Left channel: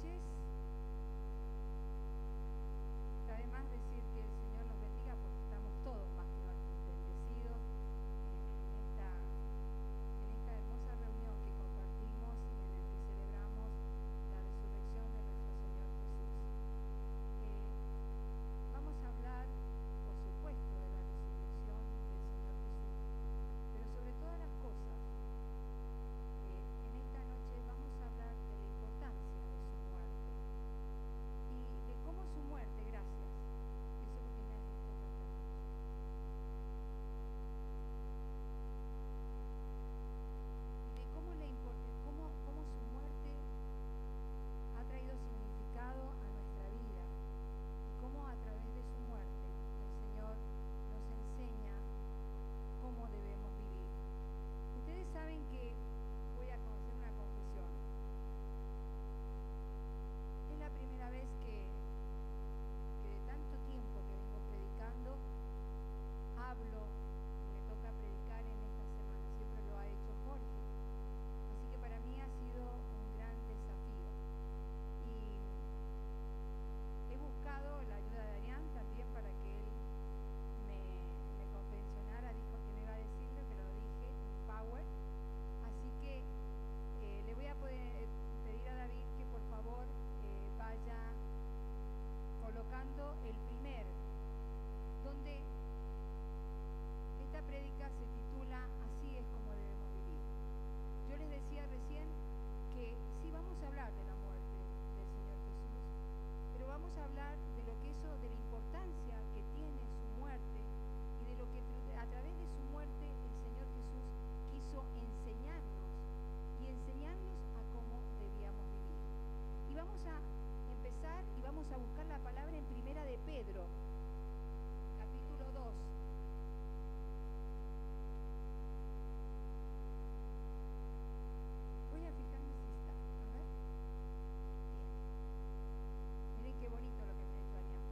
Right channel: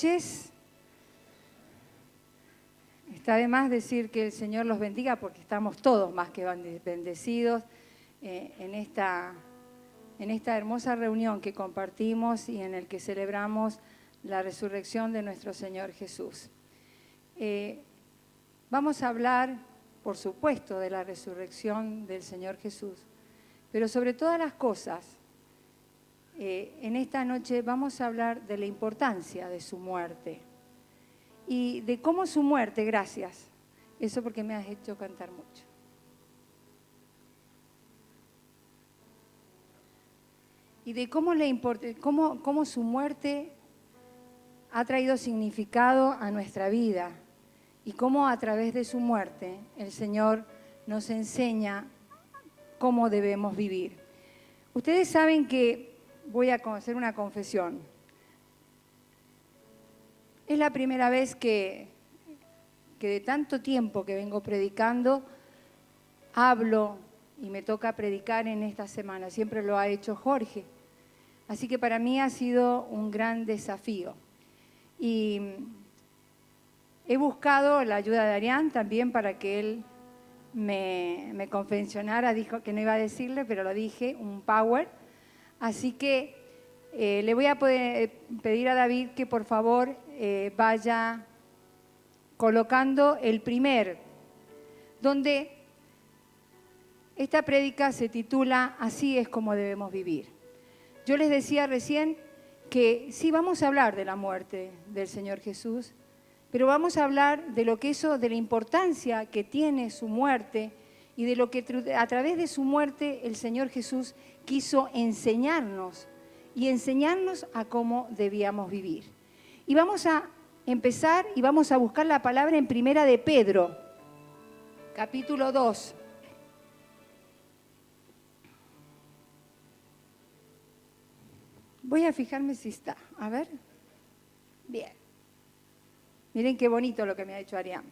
noches. Está de más decir que el Señor los bendiga porque estamos todos más que bendecidos en esta hermosa reunión que compartimos y en el que celebramos la resurrección de nuestro Señor Jesús. Vamos a hablar, por supuesto, de la resurrección del Señor Jesús, pero sobre todas las cosas, en esta noche vamos a hablar de la importancia de su muerte y de cómo su muerte, gracias, eso porque me has hecho cantar mucho. Y de cómo su muerte ha traído significado a nuestra vida y cómo a través de su muerte el Señor nos enseña cómo debemos vivir. Ustedes saben que voy a hacer una confesión. Es la primera vez que de tanto tiempo que vengo predicando, hablo y me toca predicar en esta semana. Siempre lo ha hecho Jorge. Así que para mí ha sido un gran desafío. Y he buscado la ayuda de Arián también para que él me confesionara. Dijo que no iba a decirle, pero lo dije, un power. Así que le voy a pedir a David que por favor vaya colocando el primer, donde esta prédica se titula Así es como debemos vivir. Yo les decía recién que sí vamos a hablar de la muerte del Señor Jesús, pero vamos a hablar de de la importancia que tiene su muerte y de lo que a través de su muerte el Señor Jesús quiso enseñarnos a cómo debíamos vivir. Y vamos a empezar y vamos a buscar la palabra en Primera de Pedro, capítulo 2. Voy a fijarme si está. A ver. Bien. Miren qué bonito lo que me ha hecho Arián.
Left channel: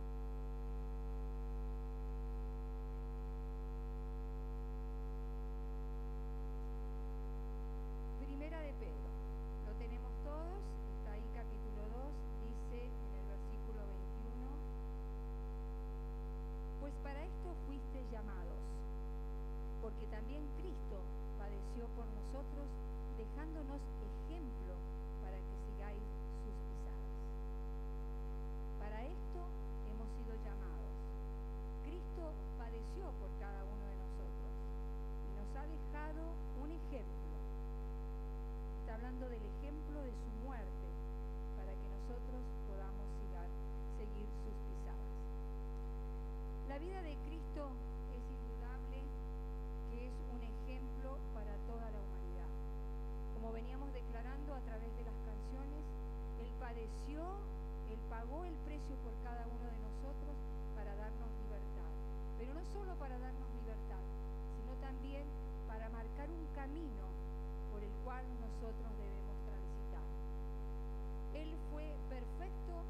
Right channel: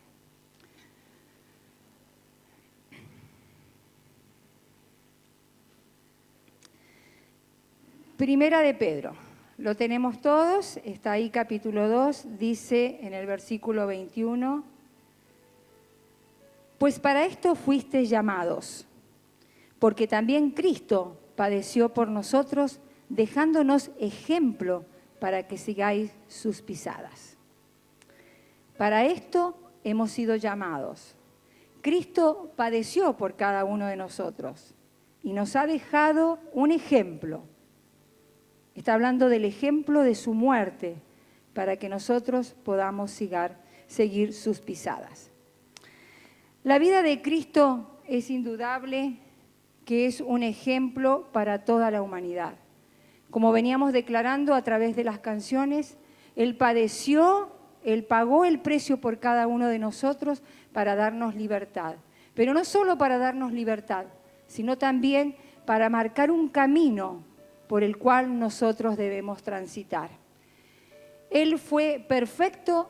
Primera de Pedro. Lo tenemos todos. Está ahí capítulo 2. Dice en el versículo 21. Pues para esto fuisteis llamados, porque también Cristo padeció por nosotros, dejándonos ejemplo para que sigáis sus pisadas. Para esto hemos sido llamados. Cristo padeció por cada uno de nosotros y nos ha dejado un ejemplo. Está hablando del ejemplo de su muerte para que nosotros podamos seguir sus pisadas. La vida de Cristo es indudable que es un ejemplo para toda la humanidad. Como veníamos declarando a través de las canciones, Él padeció, Él pagó el precio por cada uno de nosotros para darnos libertad. Pero no solo para darnos libertad, sino también para marcar un camino por el cual nosotros debemos transitar. Él fue perfecto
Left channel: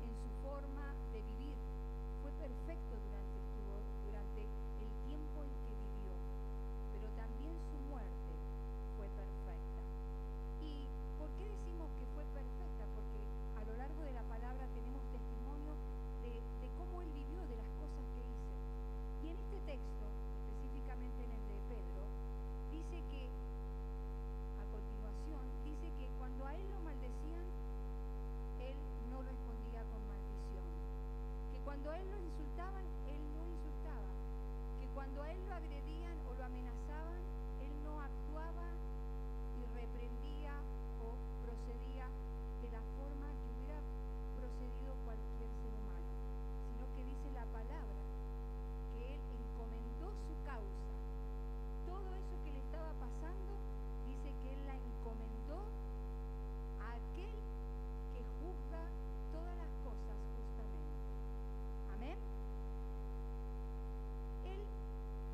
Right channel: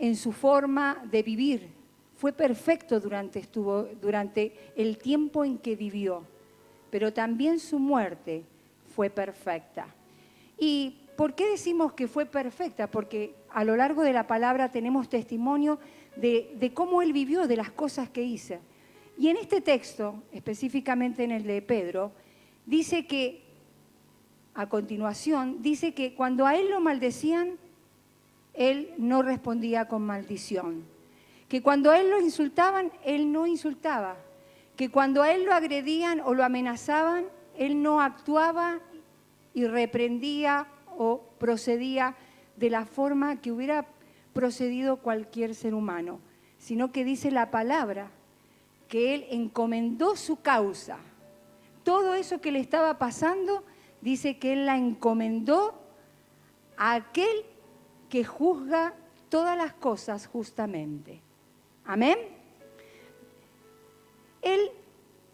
en su forma de vivir, fue perfecto durante el tiempo en que vivió, pero también su muerte fue perfecta. ¿Y por qué decimos que fue perfecta? Porque a lo largo de la palabra tenemos testimonio de cómo Él vivió, de las cosas que hizo. Y en este texto, específicamente en el de Pedro, dice que, a continuación, dice que cuando a Él lo maldecían, Él no respondía con maldición. Que cuando a Él lo insultaban, Él no insultaba. Que cuando a Él lo agredían o lo amenazaban, Él no actuaba y reprendía o procedía de la forma que hubiera procedido cualquier ser humano, sino que dice la palabra que Él encomendó su causa. Todo eso que le estaba pasando, dice que Él la encomendó a aquel que juzga todas las cosas justamente. Amén. Él,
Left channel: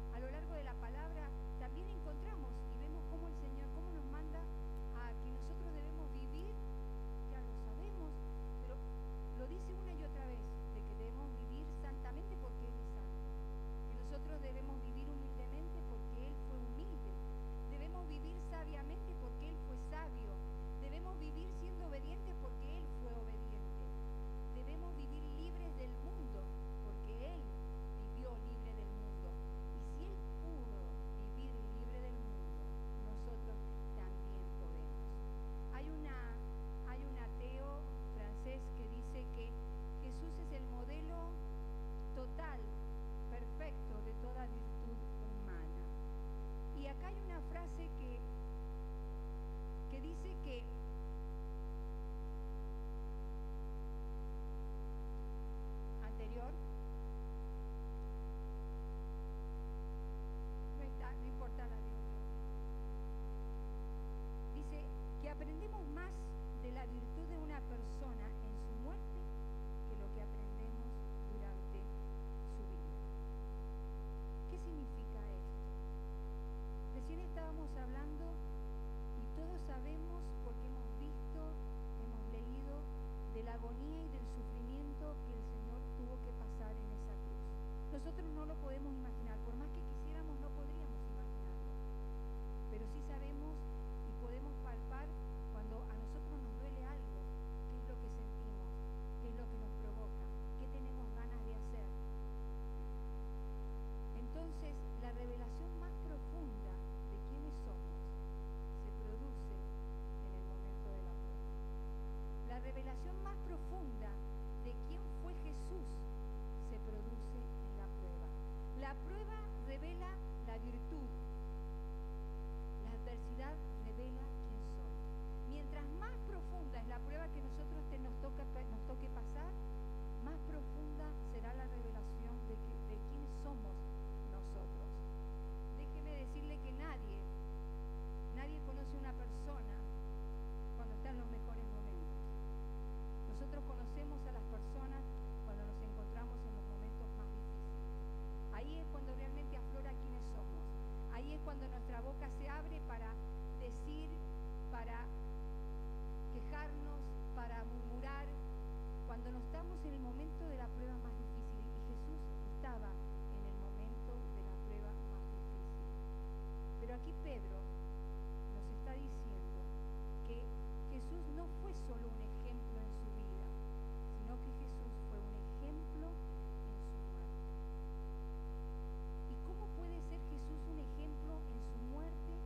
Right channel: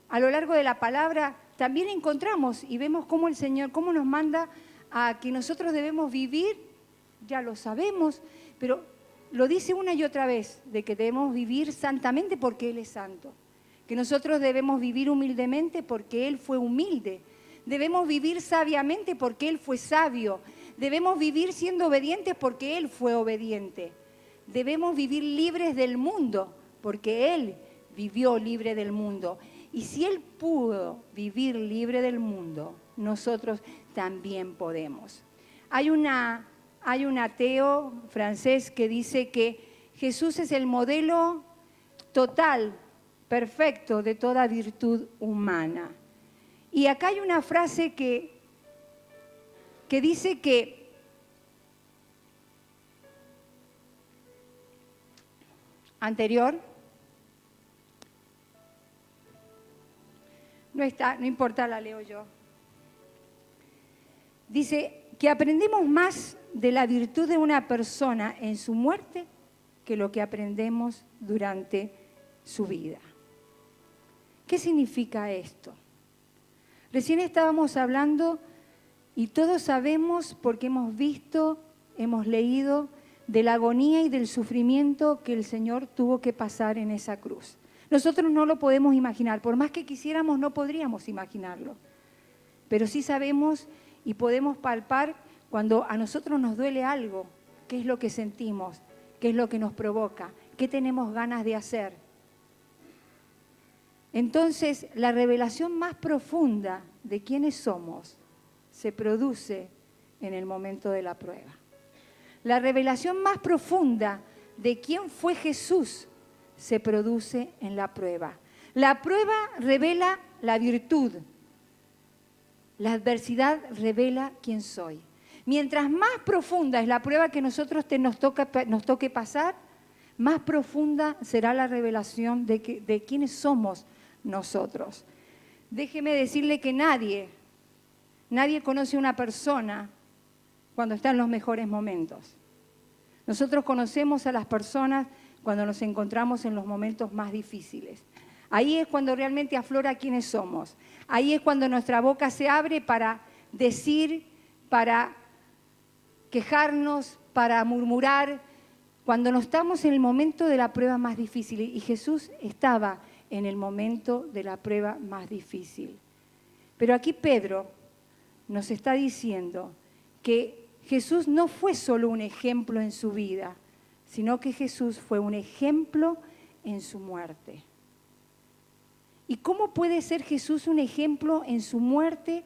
a lo largo de la palabra, también encontramos y vemos cómo el Señor, cómo nos manda a que nosotros debemos vivir, ya lo sabemos, pero lo dice una y otra vez, de que debemos vivir santamente porque Él es santo, que nosotros debemos vivir humildemente porque Él fue humilde, debemos vivir sabiamente porque Él fue sabio, Debemos vivir siendo obedientes porque Él fue obediente. Debemos vivir libres del mundo porque Él vivió libre del mundo. Y si Él pudo vivir libre del mundo, nosotros también podemos. Hay un ateo francés que dice que Jesús es el modelo total, perfecto de toda virtud humana. Y acá hay una frase que dice que anterior, no está, no importa, la leo yo. Dice que aprendemos más de la virtud de una persona en su muerte que lo que aprendemos durante su vida. ¿Qué significa esto? Recién estábamos hablando y todos sabemos porque hemos visto, hemos leído de la agonía y del sufrimiento que el Señor tuvo que pasar en esa cruz. Nosotros no lo podemos imaginar, por más que quisiéramos no podríamos imaginarlo, pero sí sabemos y podemos palpar cuando a nosotros nos duele algo, qué es lo que sentimos, qué es lo que nos provoca, qué tenemos ganas de hacer. Entonces, la revelación más profunda de quiénes somos se produce en el momento de la prueba. La revelación más profunda de quién fue Jesús se produce en la prueba. La prueba revela la virtud. La adversidad revela quién soy. Mientras más profunda es la prueba que nos toque pasar, más profunda será la revelación de quiénes somos nosotros. Déjeme decirle que nadie conoce a una persona cuando está en los mejores momentos. Nosotros conocemos a las personas cuando nos encontramos en los momentos más difíciles. Ahí es cuando realmente aflora quiénes somos. Ahí es cuando nuestra boca se abre para decir, para quejarnos, para murmurar, cuando no estamos en el momento de la prueba más difícil. Y Jesús estaba en el momento de la prueba más difícil. Pero aquí Pedro nos está diciendo que Jesús no fue solo un ejemplo en su vida, sino que Jesús fue un ejemplo en su muerte. ¿Y cómo puede ser Jesús un ejemplo en su muerte?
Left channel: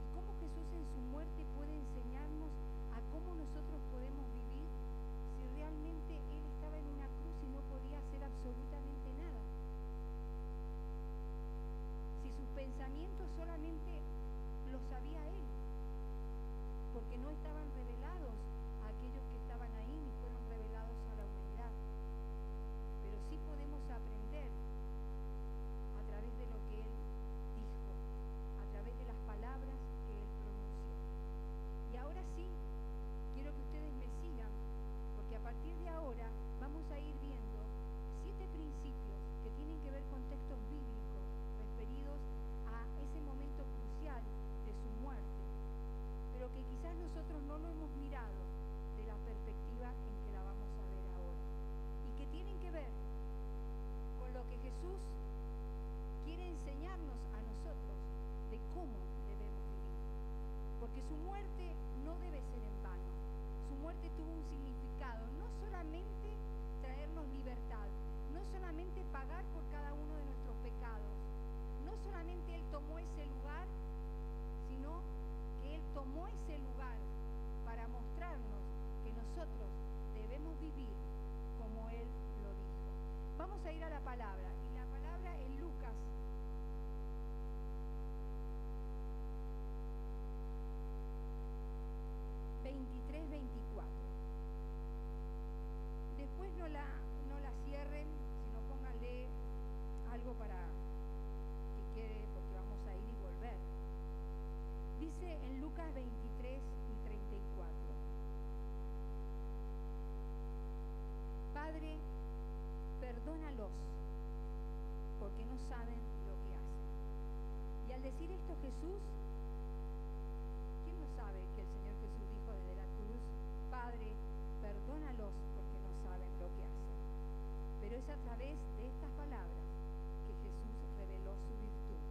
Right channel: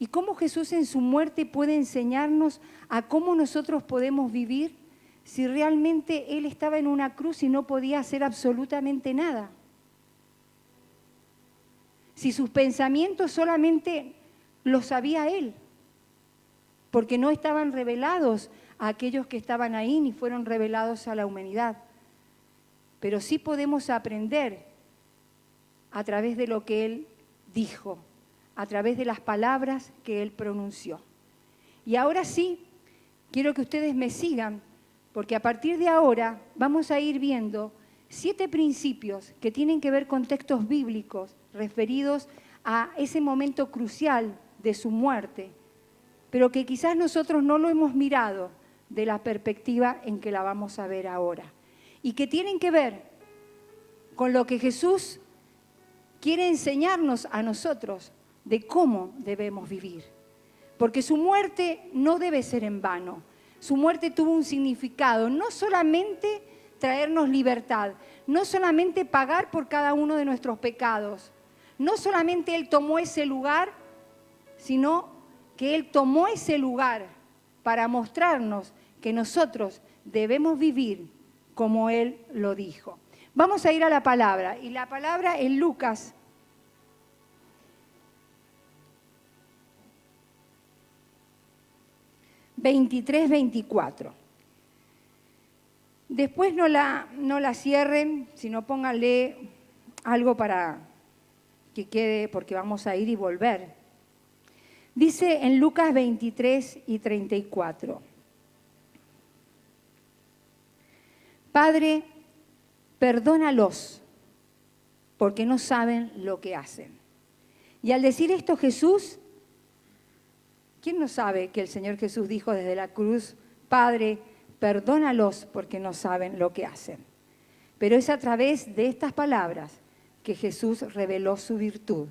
¿Y cómo Jesús en su muerte puede enseñarnos a cómo nosotros podemos vivir si realmente Él estaba en una cruz y no podía hacer absolutamente nada? Si sus pensamientos solamente los sabía Él, porque no estaban revelados a aquellos que estaban ahí, ni fueron revelados a la humanidad. Pero sí podemos aprender a través de lo que Él dijo, a través de las palabras que Él pronunció. Y ahora sí, quiero que ustedes me sigan, porque a partir de ahora vamos a ir viendo 7 principios que tienen que ver con textos bíblicos referidos a ese momento crucial de su muerte, pero que quizás nosotros no lo hemos mirado de la perspectiva en que la vamos a ver ahora, y que tienen que ver con lo que Jesús quiere enseñarnos a nosotros de cómo debemos vivir, porque su muerte no debe ser en vano. Su muerte tuvo un significado, no solamente traernos libertad, no solamente pagar por cada uno de nuestros pecados, no solamente Él tomó ese lugar, sino que Él tomó ese lugar para mostrarnos que nosotros debemos vivir como Él lo dijo. Vamos a ir a la palabra, y la palabra en Lucas 23-24. Después no la cierren, sino pónganle algo para que quede, porque vamos a ir y volver. Dice en Lucas 23-34. Padre, perdónalos, porque no saben lo que hacen. Y al decir esto Jesús, ¿quién no sabe que el Señor Jesús dijo desde la cruz, Padre, perdónalos porque no saben lo que hacen? Pero es a través de estas palabras que Jesús reveló su virtud.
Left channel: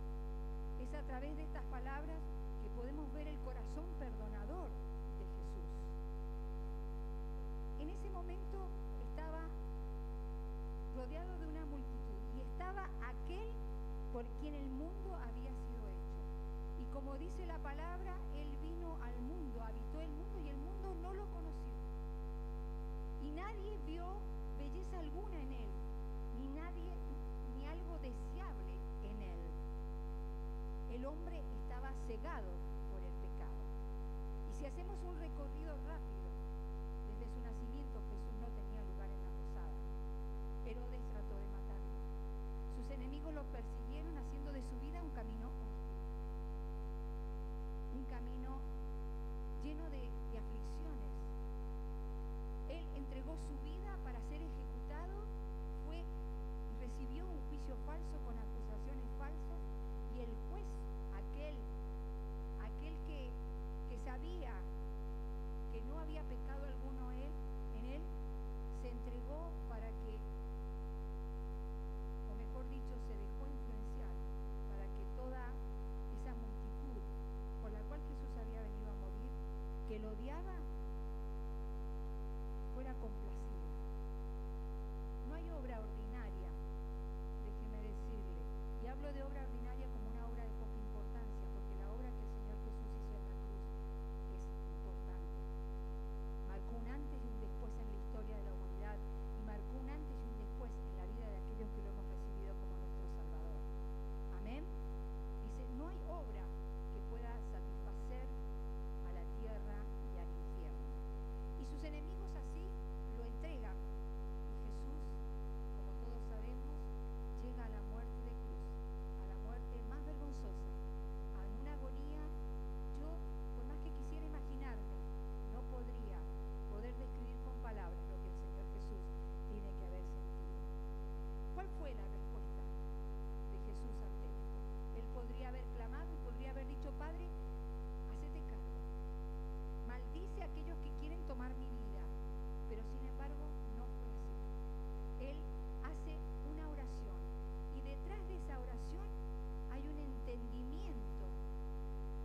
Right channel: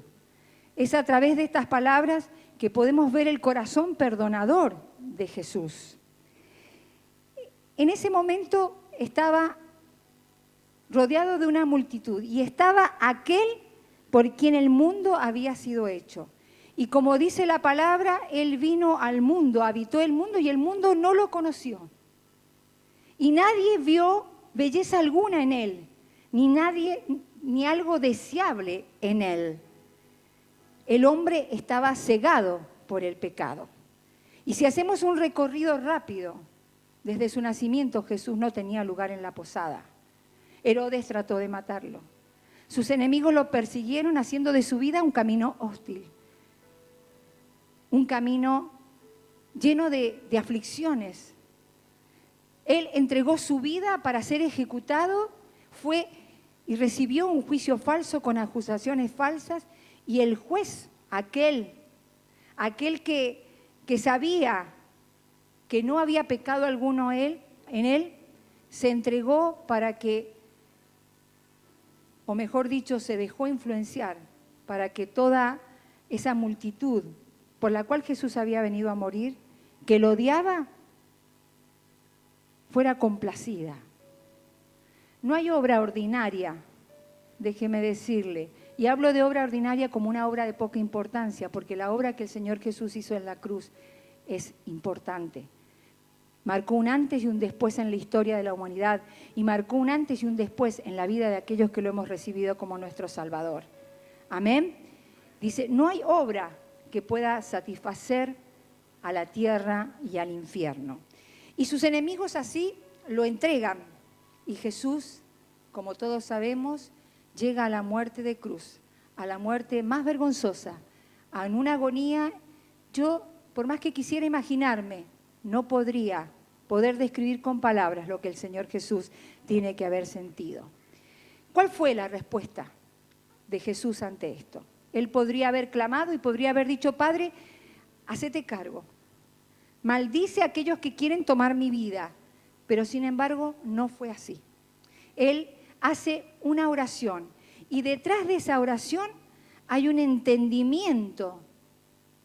Es a través de estas palabras que podemos ver el corazón perdonador de Jesús. En ese momento estaba rodeado de una multitud y estaba aquel por quien el mundo había sido hecho. Y como dice la palabra, Él vino al mundo, habitó el mundo y el mundo no lo conoció. Y nadie vio belleza alguna en Él, ni algo deseable en Él. El hombre estaba cegado por el pecado. Y si hacemos un recorrido rápido, desde su nacimiento Jesús no tenía lugar en la posada. Herodes trató de matarlo. Sus enemigos lo persiguieron haciendo de su vida un camino hostil. Un camino lleno de aflicciones. Él entregó su vida para ser ejecutado, fue y recibió un juicio falso con acusaciones falsas, y el juez, aquel que sabía que no había pecado alguno en él, se entregó para que, o mejor dicho, se dejó influenciar para que toda esa multitud por la cual Jesús había venido a morir, que lo odiaba, fuera complacida. No hay obra ordinaria, déjeme decirle, y hablo de obra ordinaria como una obra de poca importancia, porque la obra que el Señor Jesús hizo en la cruz es importante. Marcó un antes y un después en la historia de la humanidad, y marcó un antes y un después en la vida de aquellos que lo hemos recibido como nuestro Salvador. Amén. Dice, no hay obra que pueda satisfacer a la tierra y al infierno. Y sus enemigos así lo entregan. Y Jesús, como todos sabemos, llega a la muerte de cruz, a la muerte más vergonzosa, en una agonía. Yo, por más que quisiera imaginarme, no podría poder describir con palabras lo que el Señor Jesús tiene que haber sentido. ¿Cuál fue la respuesta de Jesús ante esto? Él podría haber clamado y podría haber dicho, Padre, hacete cargo. Maldice a aquellos que quieren tomar mi vida. Pero sin embargo, no fue así. Él hace una oración y detrás de esa oración hay un entendimiento.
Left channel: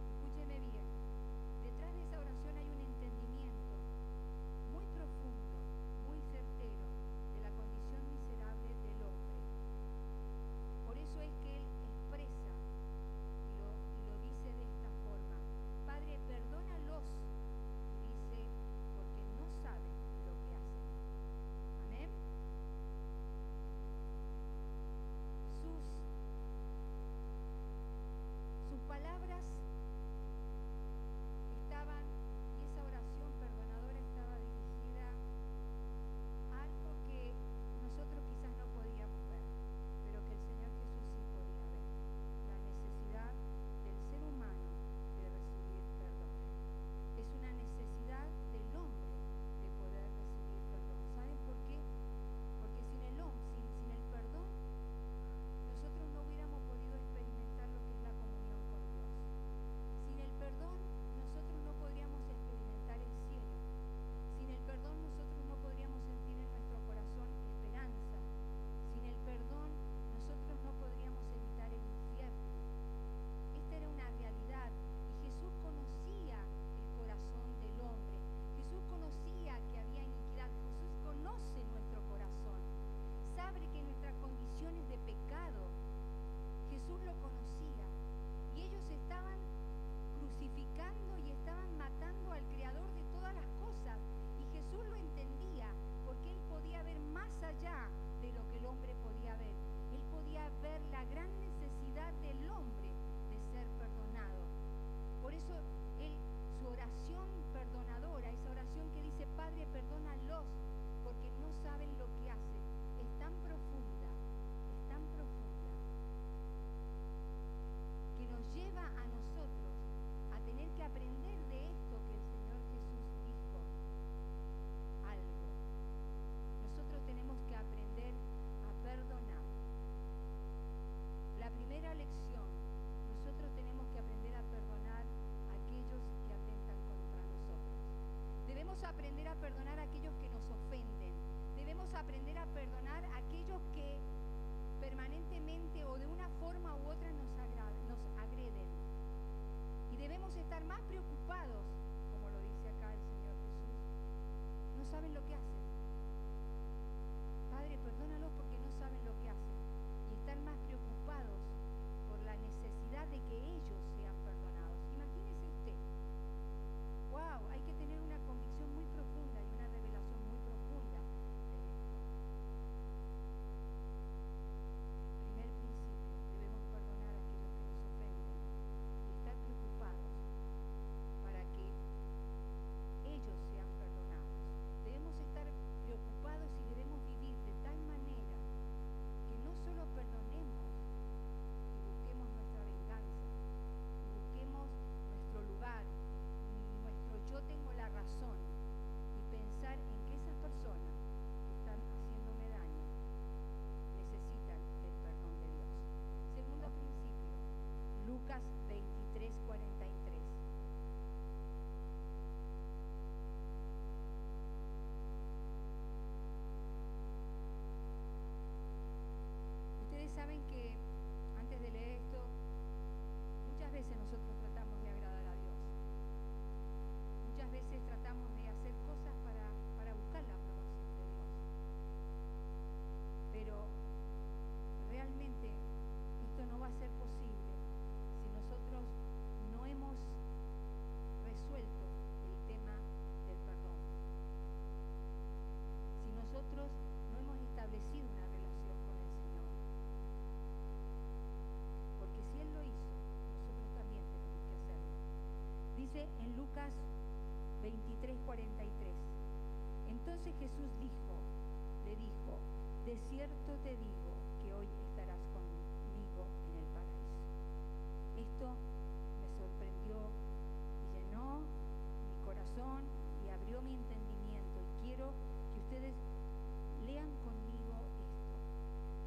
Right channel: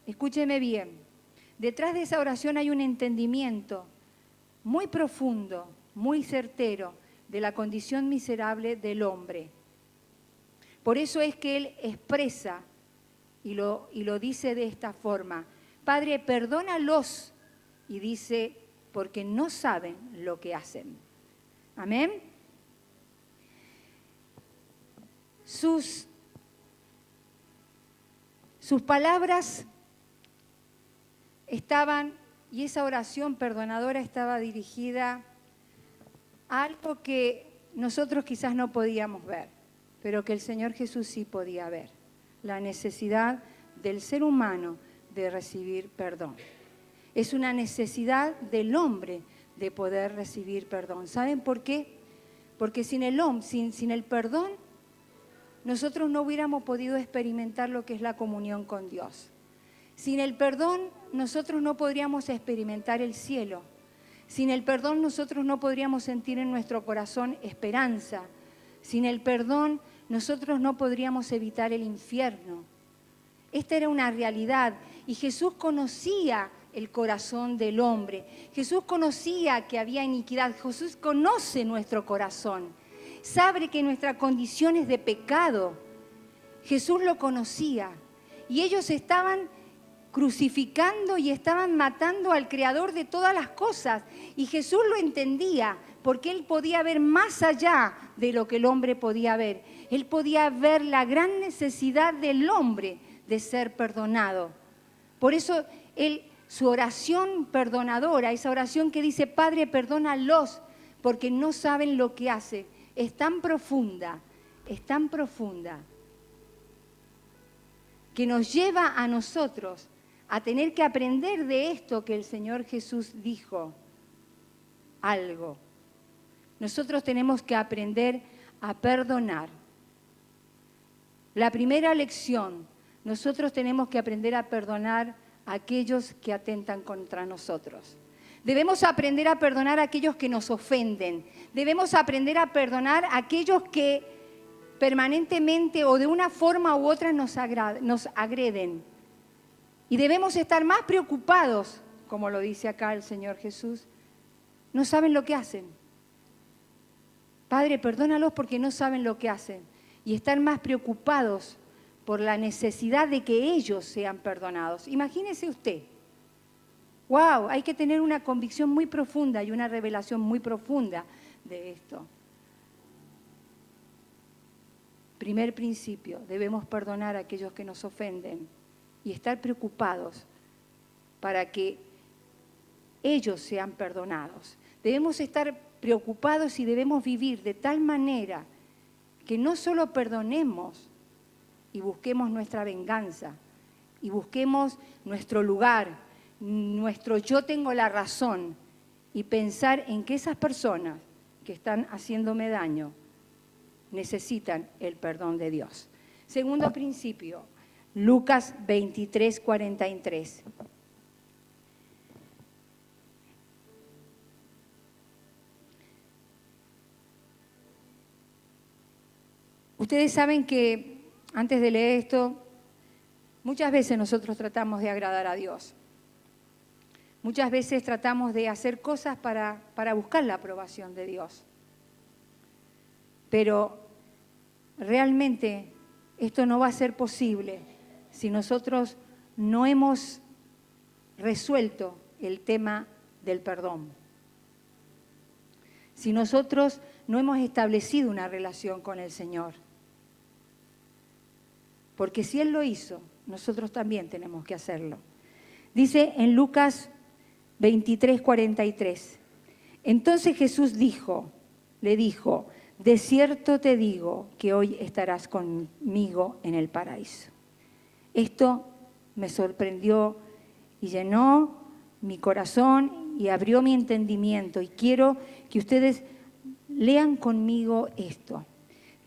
Escúcheme bien. Detrás de esa oración hay un entendimiento muy profundo, muy certero de la condición miserable del hombre. Por eso es que Él expresa y lo dice de esta forma: Padre, perdónalos, y dice, porque no saben lo que hacen. Amén. Sus palabras estaban, y esa oración perdonadora estaba dirigida a algo que nosotros quizás no podíamos ver, pero que el Señor Jesús sí podía ver: la necesidad del ser humano de recibir perdón. Es una necesidad del hombre de poder recibir perdón. ¿Saben por qué? Porque sin el perdón, nosotros no hubiéramos podido experimentar lo que es la comunión con Dios. Sin el perdón, nosotros no podríamos experimentar el cielo. Sin el perdón, nosotros no podríamos sentir en nuestro corazón esperanza. Sin el perdón, nosotros no podríamos evitar el infierno. Esta era una realidad, y Jesús conocía el corazón del hombre. Jesús conocía que había iniquidad. Jesús conoce nuestro corazón. Sabe que nuestra condición es de pecado. Jesús lo conocía. Y ellos estaban crucificando y estaban matando al Creador de todas las cosas. Y Jesús lo entendía, porque Él podía ver más allá de lo que el hombre podía ver. Él podía ver la gran necesidad del hombre de ser perdonado. Por eso su oración perdonadora, esa oración que dice, Padre, perdónalos, porque no saben lo que hacen, es tan profunda, que nos lleva a nosotros a tener que aprender de esto que el Señor Jesús dijo algo. Nosotros tenemos que aprender a perdonar. La primera lección, nosotros tenemos que aprender a perdonar a aquellos que atentan contra nosotros. Debemos aprender a perdonar a aquellos que nos ofenden. Debemos aprender a perdonar a aquellos que permanentemente o de una forma u otra nos agreden. Y debemos estar más preocupados como lo dice acá el Señor Jesús, no saben lo que hacen. Padre, perdónalos porque no saben lo que hacen. Y están más preocupados por la necesidad de que ellos sean perdonados. Imagínese usted. ¡Wow! Hay que tener una convicción muy profunda y una revelación muy profunda de esto. Primer principio, debemos perdonar a aquellos que nos ofenden y estar preocupados para que ellos sean perdonados. Debemos estar preocupados y debemos vivir de tal manera que no solo perdonemos y busquemos nuestra venganza y busquemos nuestro lugar, nuestro yo tengo la razón, y pensar en que esas personas que están haciéndome daño necesitan el perdón de Dios. Segundo principio, Lucas 23:43. Ustedes saben que, antes de leer esto, muchas veces nosotros tratamos de agradar a Dios. Muchas veces tratamos de hacer cosas para buscar la aprobación de Dios. Pero realmente esto no va a ser posible si nosotros no hemos resuelto el tema del perdón. Si nosotros no hemos establecido una relación con el Señor. Porque si Él lo hizo, nosotros también tenemos que hacerlo. Dice en Lucas 23:43. Entonces Jesús le dijo, de cierto te digo que hoy estarás conmigo en el paraíso. Esto me sorprendió y llenó mi corazón y abrió mi entendimiento. Y quiero que ustedes lean conmigo esto.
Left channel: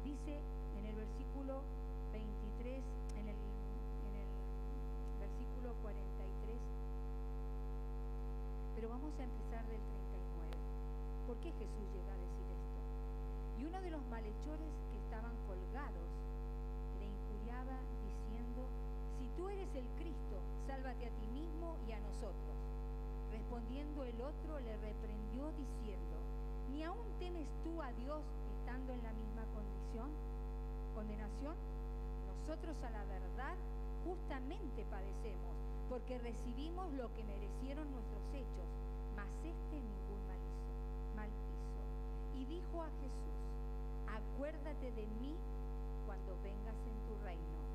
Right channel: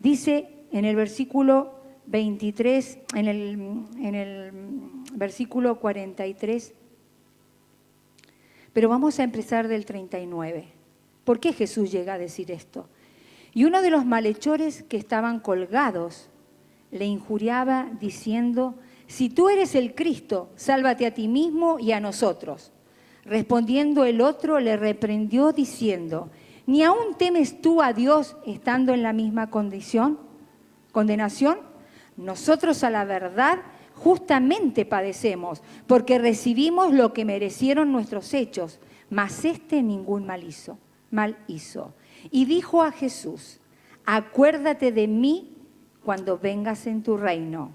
Dice en el versículo 23, en el versículo 43, pero vamos a empezar del 39. ¿Por qué Jesús llega a decir esto? Y uno de los malhechores que estaban colgados le injuriaba diciendo, si tú eres el Cristo, sálvate a ti mismo y a nosotros. Respondiendo el otro le reprendió diciendo, ¿ni aún temes tú a Dios estando en la misma condenación? Nosotros a la verdad justamente padecemos, porque recibimos lo que merecieron nuestros hechos, mas ningún mal hizo. Y dijo a Jesús, acuérdate de mí cuando vengas en tu reino.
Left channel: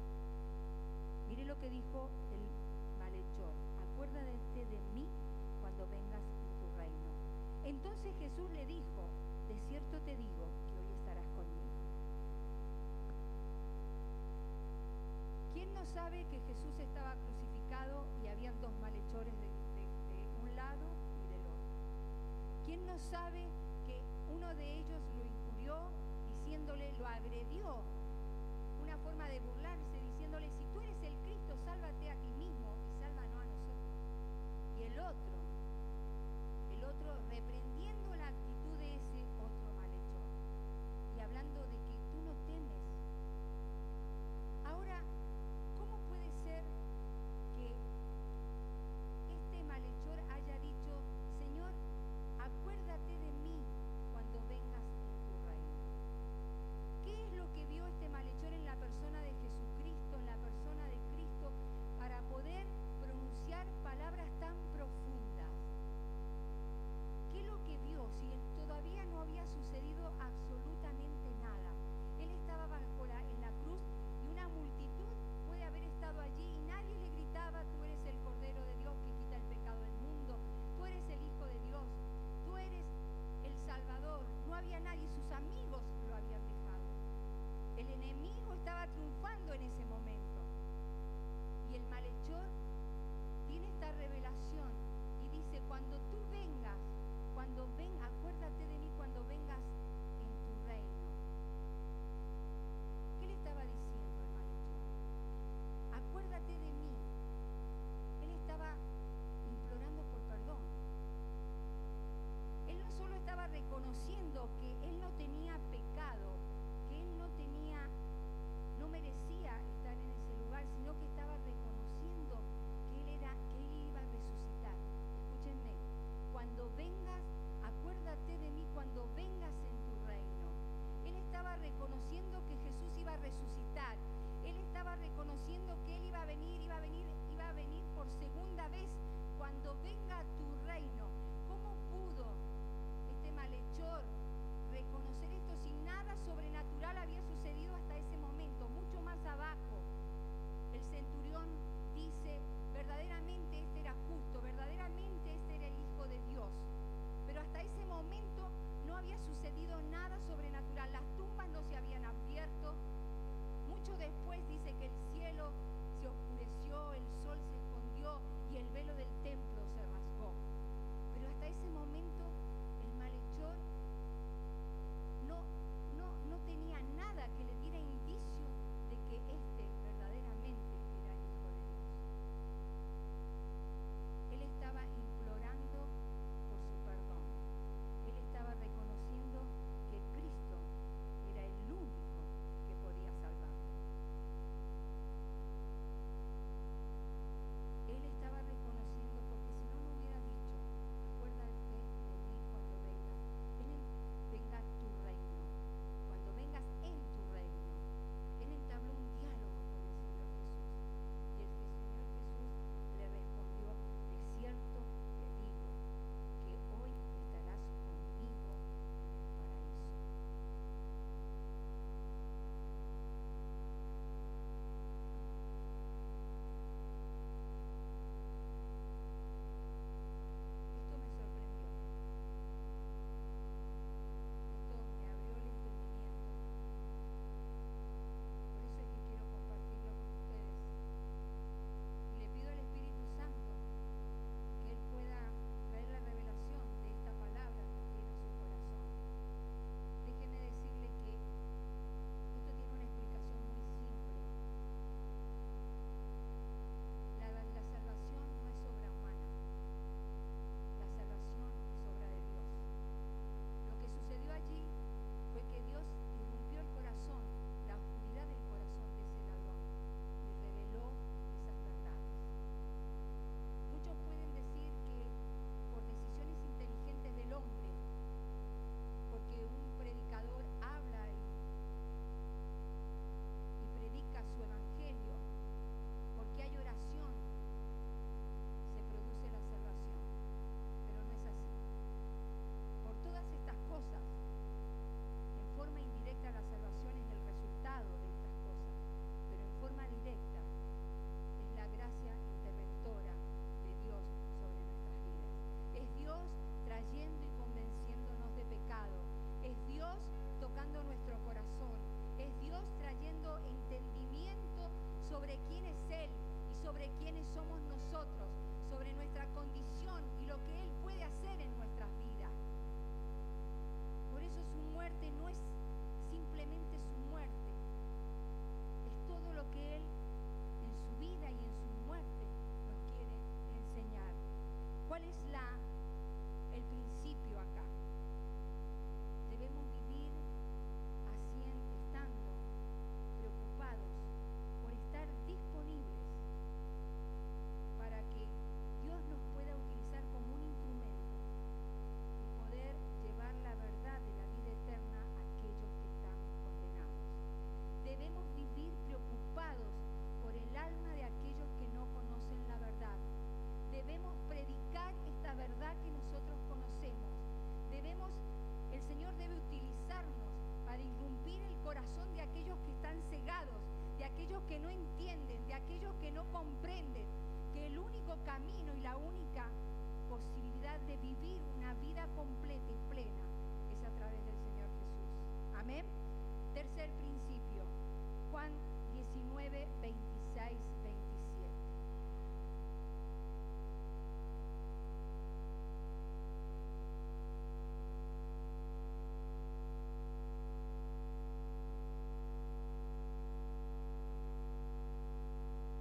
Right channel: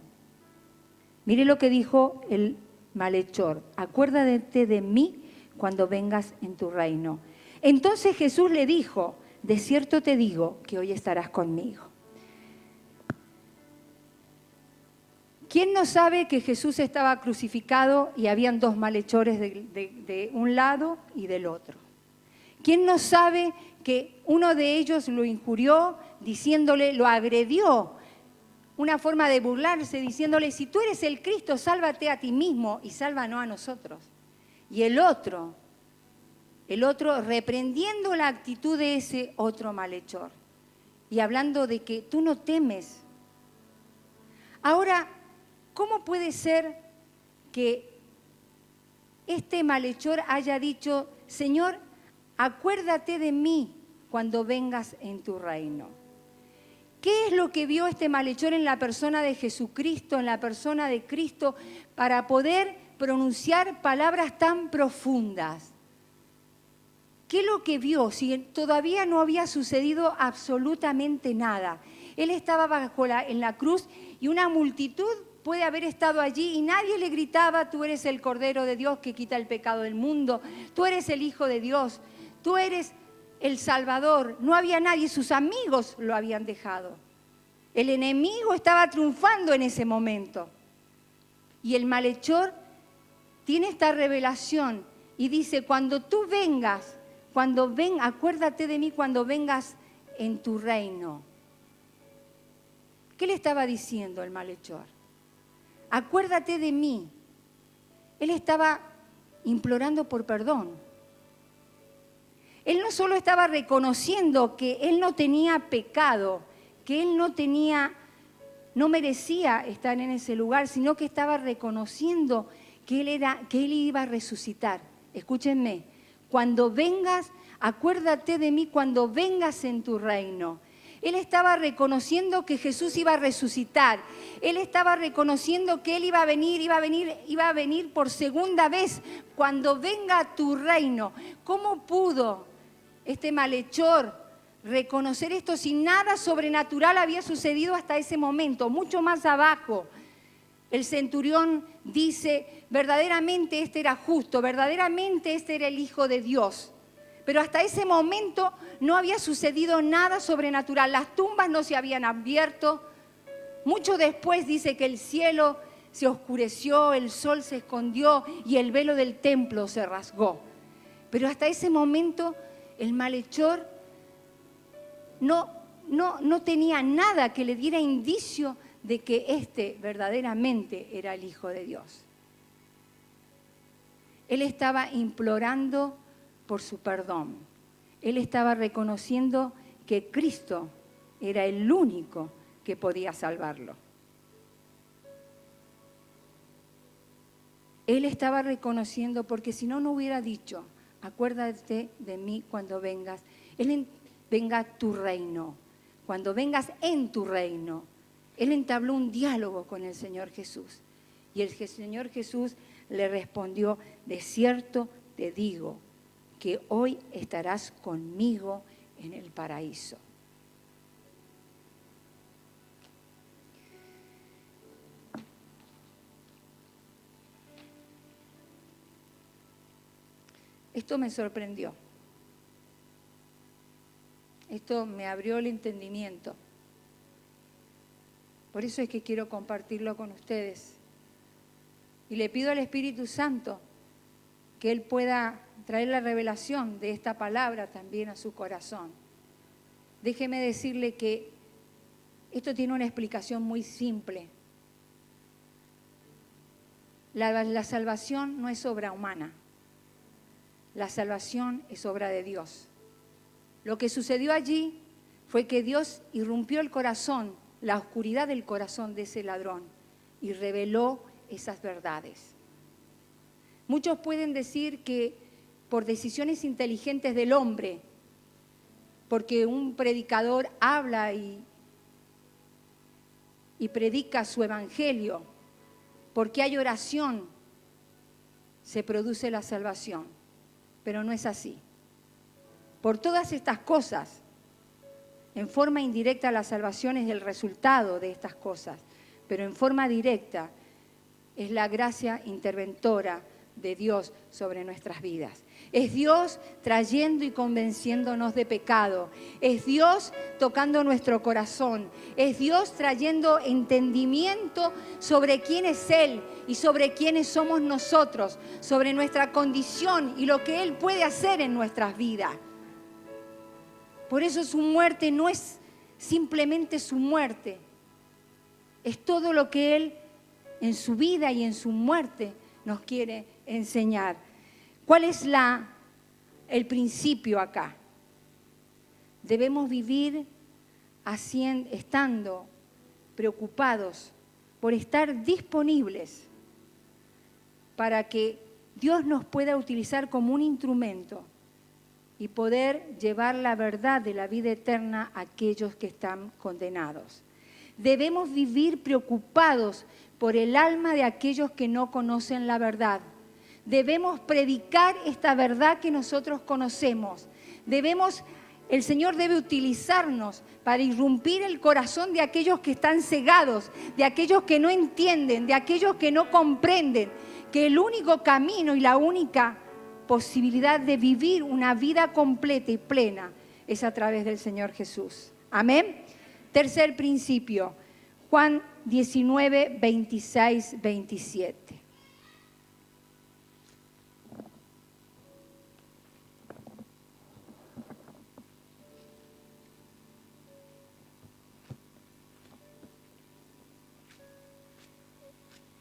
Mire lo que dijo el malhechor, acuérdate de mí cuando vengas en tu reino. Entonces Jesús le dijo, de cierto te digo que hoy estarás conmigo. ¿Quién no sabe que Jesús estaba crucificado y habían dos malhechores de un lado y del otro? ¿Quién no sabe que uno de ellos lo injurió diciéndole, lo agredió? Una forma de burlarse diciéndole, si tú eres el Cristo, sálvate a ti mismo y sálvanos a nosotros. Y el otro reprendiendo la actitud de ese otro malhechor y hablando de que tú no temes. Ahora, ¿cómo puede ser que este malhechor haya dicho, Señor, acuérdate de mí cuando vengas en tu reino? ¿Qué es lo que vio este malhechor en la persona de Jesucristo, en la persona de Cristo, para poder pronunciar palabras tan profundas? ¿Qué es lo que vio? Si todavía no había sucedido absolutamente nada. Él estaba en la cruz y una multitud puede haber estado allí y nadie le gritaba, tú eres el Cordero de Dios que quita el pecado del mundo, tú eres el Hijo de Dios, tú eres el Salvador. No había nadie, sus amigos lo habían dejado. El enemigo estaba triunfando en ese momento. Y el malhechor tiene esta revelación y dice, cuando tú vengas, acuérdate de mí cuando vengas en tu reino. ¿Qué le estaba diciendo el malhechor? Acuérdate de mí. Él estaba implorando por perdón. Él no solo estaba reconociendo que él no tenía pecado, que él no merecía estar en ese lugar, sino que estaba reconociendo que él iba a resucitar escúchenme, cuando vengas, acuérdate de mí cuando vengas en tu reino. Él estaba reconociendo que Jesús iba a resucitar. Él estaba reconociendo que Él iba a venir por segunda vez cuando venga tu reino. ¿Cómo pudo este malhechor reconocer esto si nada sobrenatural había sucedido hasta ese momento? Mucho más abajo, el centurión dice, verdaderamente este era justo, verdaderamente este era el Hijo de Dios. Pero hasta ese momento no había sucedido nada sobrenatural. Las tumbas no se habían abierto. Mucho después dice que el cielo se oscureció, el sol se escondió y el velo del templo se rasgó. Pero hasta ese momento el malhechor no tenía nada que le diera indicio de que este verdaderamente era el Hijo de Dios. Él estaba implorando por su perdón. Él estaba reconociendo que Cristo era el único que podía salvarlo. Él estaba reconociendo, porque si no, no hubiera dicho, acuérdate de mí cuando vengas, venga tu reino, cuando vengas en tu reino. Él entabló un diálogo con el Señor Jesús. Y el Señor Jesús le respondió, de cierto te digo, que hoy estarás conmigo en el paraíso. Esto me sorprendió. Esto me abrió el entendimiento. Por eso es que quiero compartirlo con ustedes. Y le pido al Espíritu Santo que Él pueda traer la revelación de esta palabra también a su corazón. Déjeme decirle que esto tiene una explicación muy simple. La salvación no es obra humana. La salvación es obra de Dios. Lo que sucedió allí fue que Dios irrumpió el corazón, la oscuridad del corazón de ese ladrón y reveló esas verdades. Muchos pueden decir que por decisiones inteligentes del hombre, porque un predicador habla y predica su evangelio, porque hay oración, se produce la salvación. Pero no es así. Por todas estas cosas, en forma indirecta la salvación es el resultado de estas cosas, pero en forma directa es la gracia interventora de Dios sobre nuestras vidas. Es Dios trayendo y convenciéndonos de pecado. Es Dios tocando nuestro corazón. Es Dios trayendo entendimiento sobre quién es Él y sobre quiénes somos nosotros, sobre nuestra condición y lo que Él puede hacer en nuestras vidas. Por eso su muerte no es simplemente su muerte, es todo lo que Él en su vida y en su muerte nos quiere enseñar. ¿Cuál es el principio acá? Debemos vivir estando preocupados por estar disponibles para que Dios nos pueda utilizar como un instrumento y poder llevar la verdad de la vida eterna a aquellos que están condenados. Debemos vivir preocupados por el alma de aquellos que no conocen la verdad. Debemos predicar esta verdad que nosotros conocemos. El Señor debe utilizarnos para irrumpir el corazón de aquellos que están cegados, de aquellos que no entienden, de aquellos que no comprenden, que el único camino y la única posibilidad de vivir una vida completa y plena es a través del Señor Jesús. Amén. Tercer principio, Juan 19, 26, 27.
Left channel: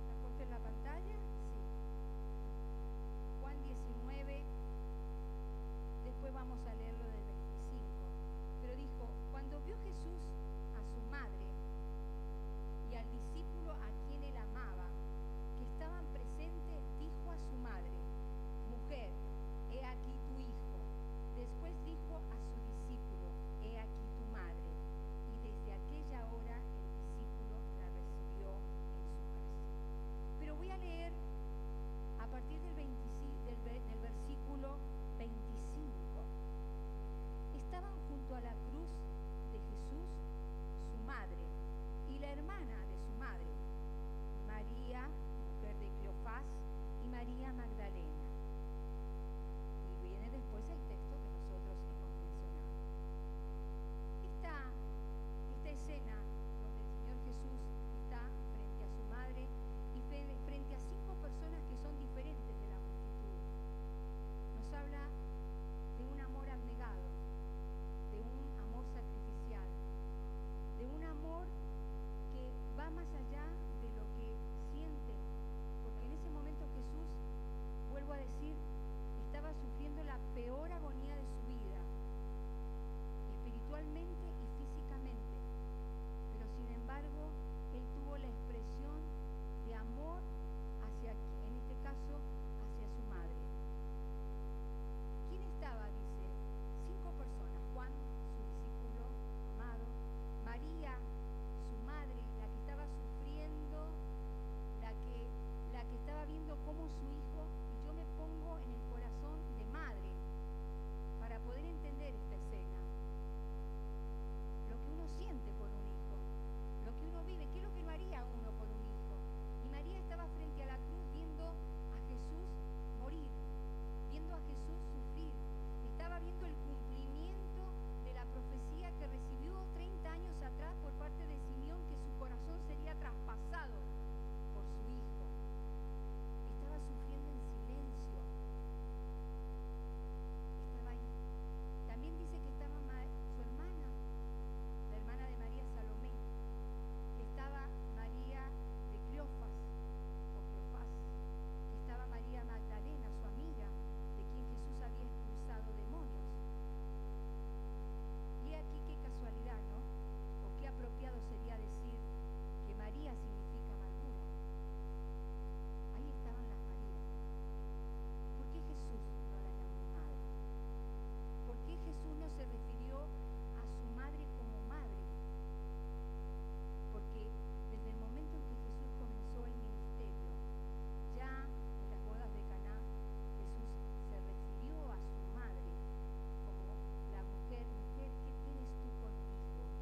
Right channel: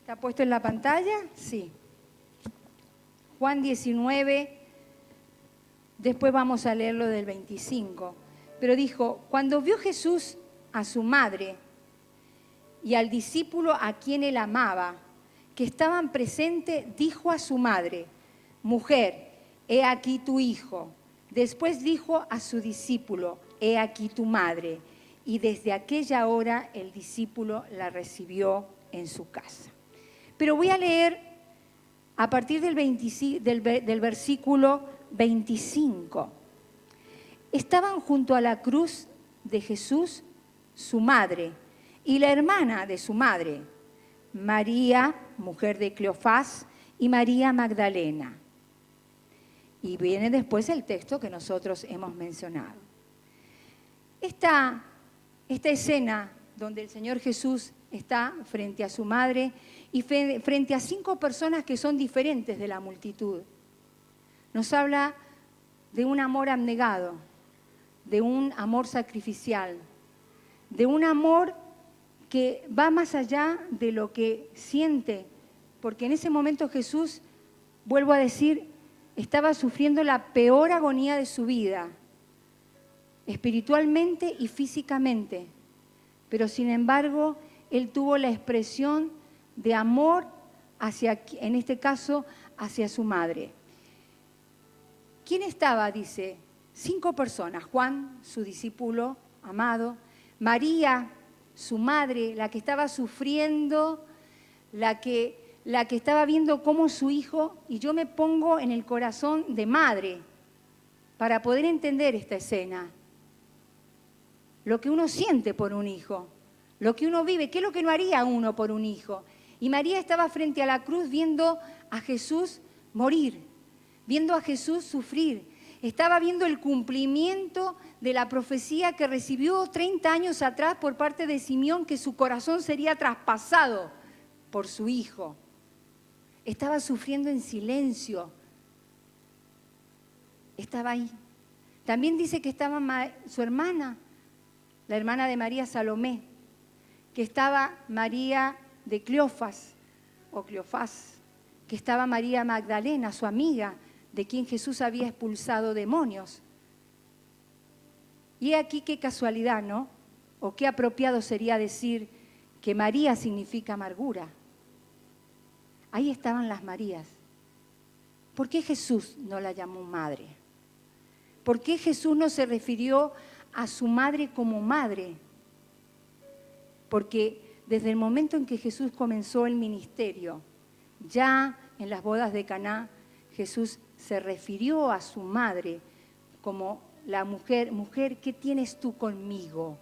¿Está puesto en la pantalla? Sí. Juan 19, después vamos a leerlo del 25. Pero dijo, cuando vio Jesús a su madre y al discípulo a quien él amaba, que estaban presentes, dijo a su madre, mujer, he aquí tu hijo. Después dijo a su discípulo, he aquí tu madre. Y desde aquella hora el discípulo la recibió en su casa. Pero voy a leer a partir del versículo 25. Estaban junto a la cruz de Jesús su madre y la hermana de su madre, María, mujer de Cleofás, y María Magdalena. Y viene después el texto que nosotros hemos mencionado. Esta escena donde el Señor Jesús está frente a su madre y frente a 5 personas que son diferentes de la multitud, nos habla de un amor abnegado, de un amor sacrificial, de un amor que va más allá de lo que siente, porque en ese momento Jesús, vuelvo a decir, estaba sufriendo la peor agonía de su vida, espiritualmente y físicamente, pero sin embargo, él tuvo la expresión de amor hacia, en este caso, hacia su madre. ¿Quién estaba? Dice, 5 personas: Juan, su discípulo amado; María, su madre, la que estaba sufriendo, la que estaba viendo cómo su hijo, y yo me pongo en el corazón de madre para poder entender esta escena, lo que uno siente por un hijo, lo que uno vive, qué es lo que no haría uno por un hijo. Y María estaba frente a la cruz viendo a Jesús morir, viendo a Jesús sufrir. Estaba viendo el cumplimiento de la profecía que recibió 30 años atrás por parte de Simeón, que su corazón sería traspasado por su hijo. Estaba sufriendo en silencio. Estaba ahí. También dice que estaba su hermana, la hermana de María, Salomé, que estaba María de Cleofás, que estaba María Magdalena, su amiga, de quien Jesús había expulsado demonios. Y aquí qué casualidad, ¿no? O qué apropiado sería decir que María significa amargura. Ahí estaban las Marías. ¿Por qué Jesús no la llamó madre? ¿Por qué Jesús no se refirió a su madre como madre? Porque desde el momento en que Jesús comenzó el ministerio, ya en las bodas de Caná, Jesús se refirió a su madre como la mujer, ¿qué tienes tú conmigo?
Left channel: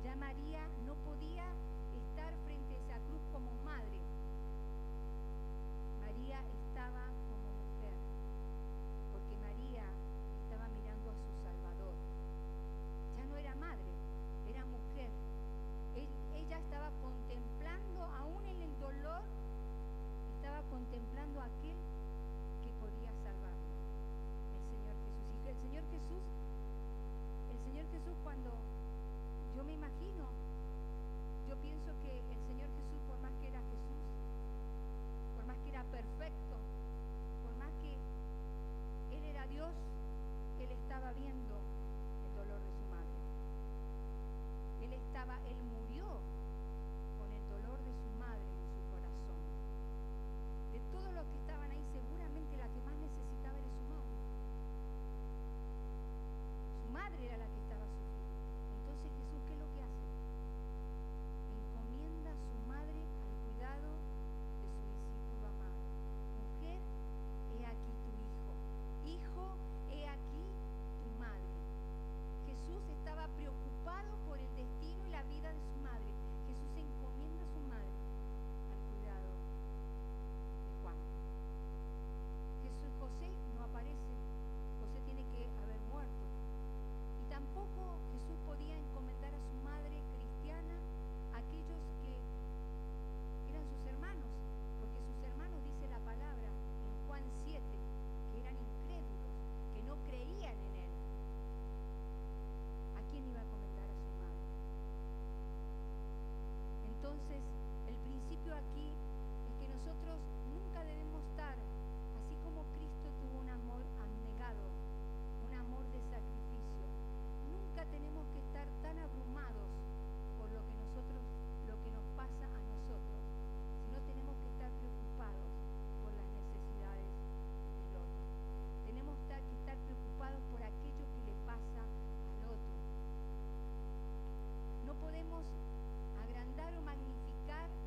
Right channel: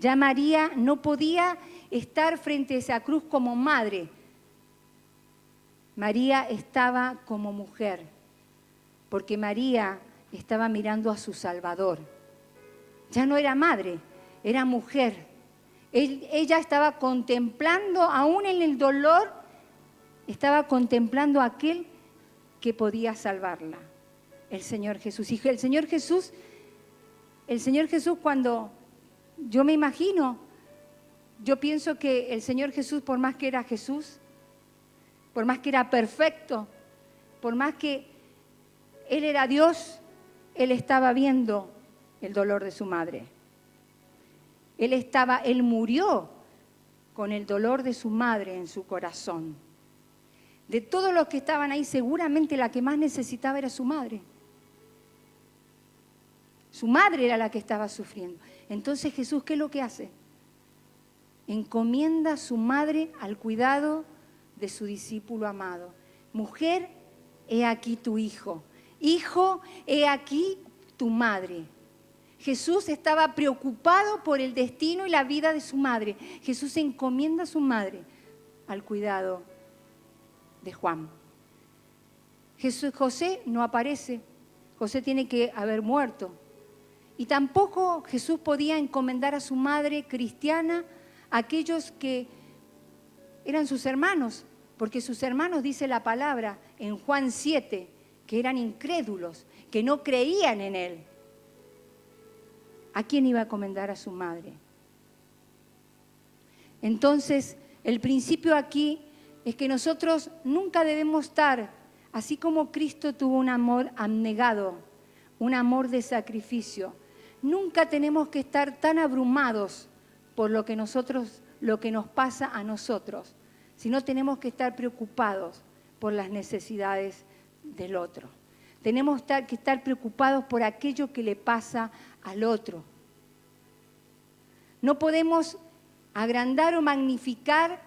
Ya María no podía estar frente a esa cruz como madre. María estaba como mujer, porque María estaba mirando a su Salvador. Ya no era madre, era mujer. Ella estaba contemplando, aún en el dolor, estaba contemplando a aquel que podía salvarla, el Señor Jesús. Y el Señor Jesús, cuando yo me imagino, yo pienso que el Señor Jesús, por más que era Jesús, por más que era perfecto, por más que Él era Dios, Él estaba viendo el dolor de su madre. Él murió con el dolor de su madre en su corazón. De todos los que estaban ahí, seguramente la que más necesitaba era su madre. Su madre era la que estaba sufriendo. Entonces Jesús, ¿qué es lo que hace? Encomienda a su madre al cuidado de su discípulo amado. Mujer, he aquí tu hijo. Hijo, he aquí tu madre. Jesús estaba preocupado por el destino y la vida de su madre. Jesús encomienda a su madre al cuidado de Juan. José no aparece. José tiene que haber muerto. Y tampoco Jesús podía encomendar a su madre cristiana a aquellos que eran sus hermanos, porque sus hermanos, dice la palabra en Juan 7, que eran incrédulos, que no creían en él. ¿A quién iba a encomendar a su madre? Entonces, el principio aquí es que nosotros nunca debemos estar, así como Cristo tuvo un amor abnegado, un amor de sacrificio, nunca tenemos que estar tan abrumados por lo que nos pasa a nosotros, sino tenemos que estar preocupados por las necesidades del otro. Tenemos que estar preocupados por aquello que le pasa al otro. No podemos agrandar o magnificar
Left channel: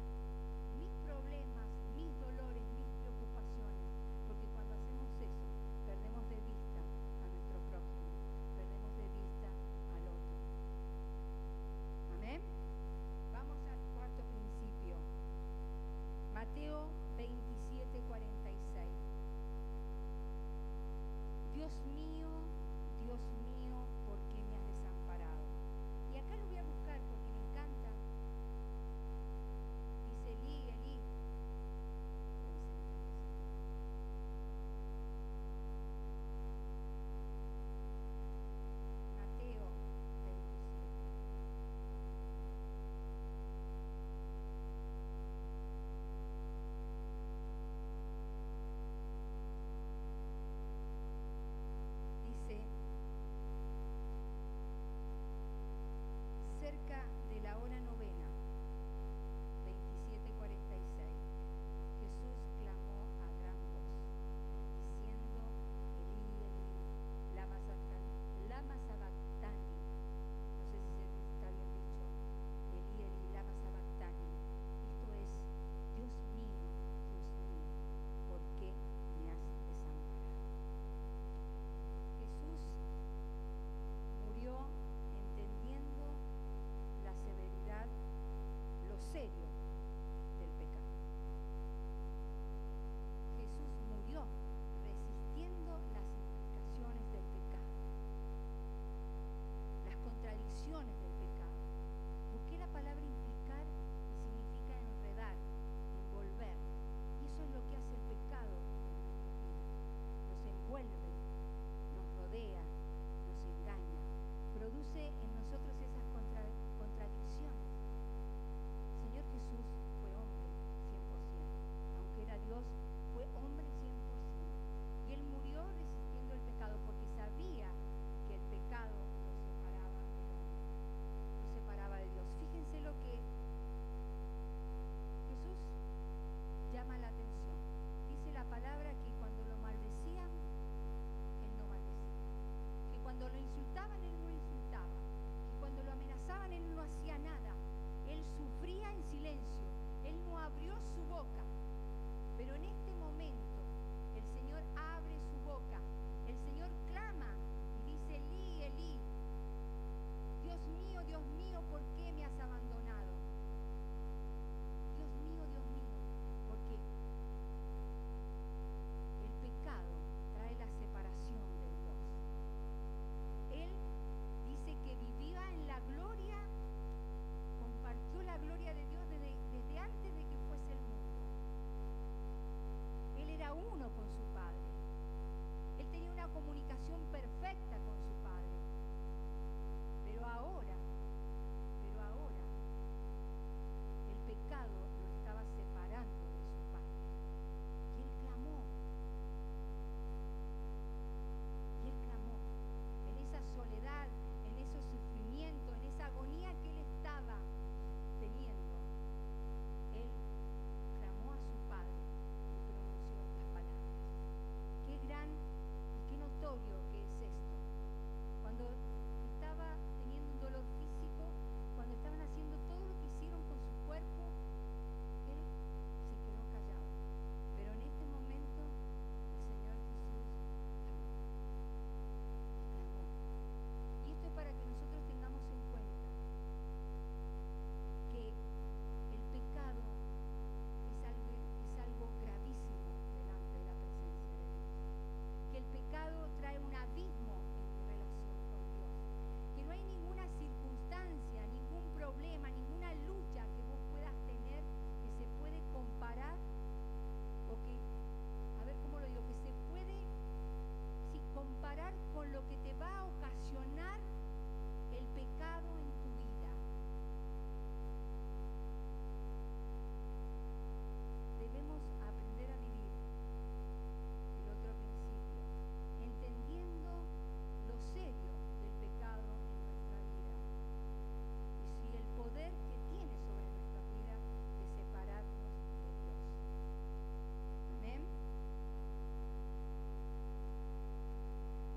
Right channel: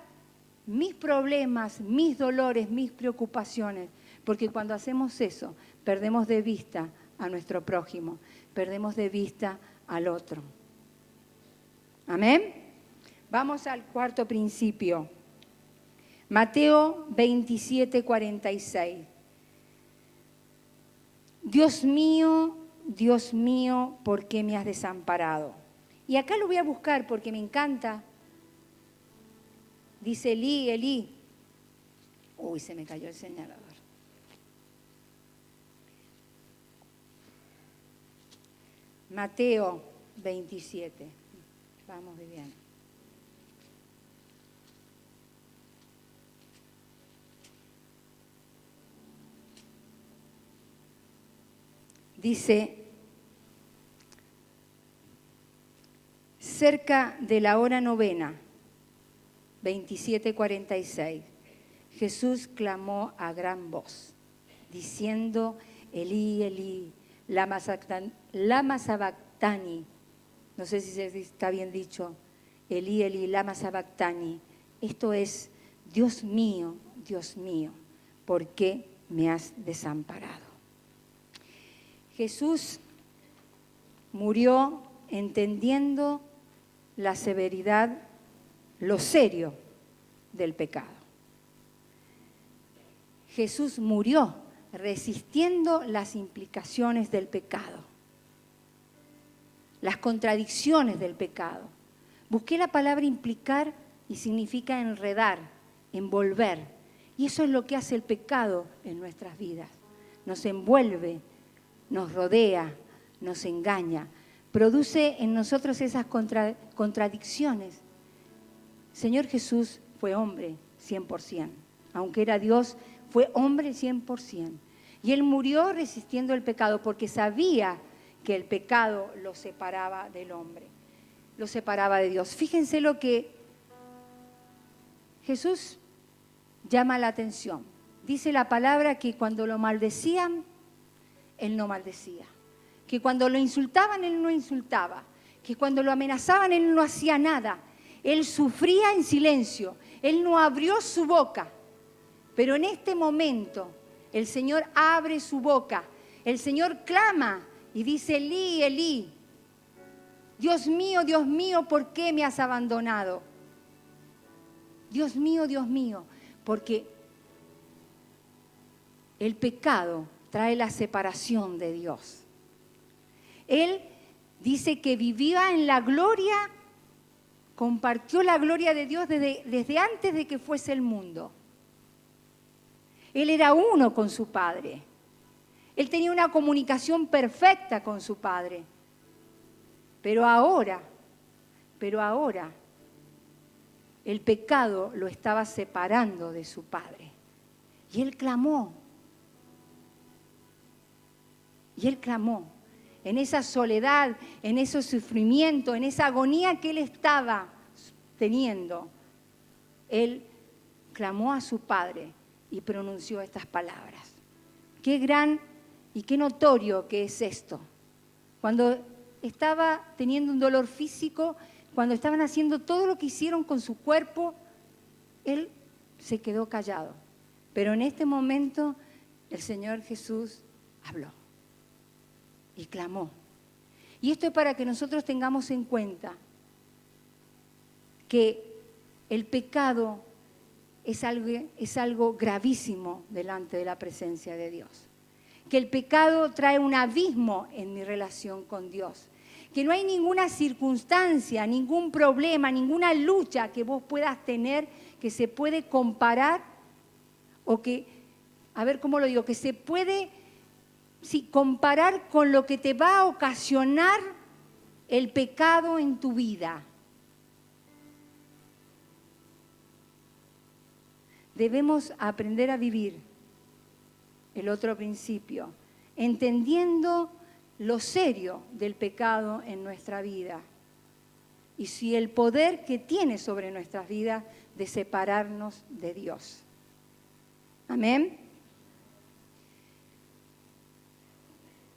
mis problemas, mis dolores, mis preocupaciones, porque cuando hacemos eso, perdemos de vista a nuestro prójimo, perdemos de vista al otro. Amén. Vamos al cuarto principio. Mateo 27:46. Dios mío, ¿por qué me has desamparado? Y acá lo voy a buscar porque me encanta. Dice Elí, Elí. Uy, se me cayó el señalador. Mateo 27. Vamos bien. Dice, cerca de la hora novena, 27:46, Jesús clamó a gran voz, diciendo, Elí, Elí, lama sabactani. No sé si está bien dicho. Elí, Elí, lama sabactani. Esto es, Dios mío, ¿por qué me has desamparado? Jesús murió entendiendo la severidad, lo serio del pecado. Jesús murió resistiendo las implicaciones del pecado, las contradicciones del pecado. Busqué la palabra implicar y significa enredar, envolver. Y eso es lo que hace el pecado en nuestras vidas. Nos envuelve, nos rodea, nos engaña, produce en nosotros esas contradicciones. Señor Jesús fue hombre 100%, aunque era Dios, fue hombre 100%. Y Él murió resistiendo el pecado porque sabía que el pecado lo separaba del hombre, lo separaba de Dios. Fíjense lo que Jesús llama la atención. Dice la palabra que cuando lo maldecían, Él no maldecía. Que cuando lo insultaban, Él no insultaba. Que cuando lo amenazaban, Él no hacía nada. Él sufría en silencio. Él no abrió su boca. Pero en este momento, el Señor abre su boca. El Señor clama y dice, Elí, Elí, Dios mío, ¿por qué me has abandonado? Dios mío, porque el pecado trae la separación de Dios. Él dice que vivía en la gloria, compartió la gloria de Dios desde antes de que fuese el mundo. Él era uno con su Padre. Él tenía una comunicación perfecta con su Padre. Pero ahora, el pecado lo estaba separando de su Padre. Y Él clamó. En esa soledad, en ese sufrimiento, en esa agonía que Él estaba teniendo. Él clamó a su Padre y pronunció estas palabras. Qué gran y qué notorio que es esto. Cuando estaba teniendo un dolor físico, cuando estaban haciendo todo lo que hicieron con su cuerpo, Él se quedó callado. Pero en este momento el Señor Jesús habló y clamó. Y esto es para que nosotros tengamos en cuenta que el pecado es algo gravísimo delante de la presencia de Dios. Que el pecado trae un abismo en mi relación con Dios. Que no hay ninguna circunstancia, ningún problema, ninguna lucha que vos puedas tener que se puede comparar o que, a ver cómo lo digo, que se puede comparar con lo que te va a ocasionar el pecado en tu vida. Debemos aprender a vivir el otro principio, entendiendo lo serio del pecado en nuestra vida y si el poder que tiene sobre nuestras vidas de separarnos de Dios. Amén.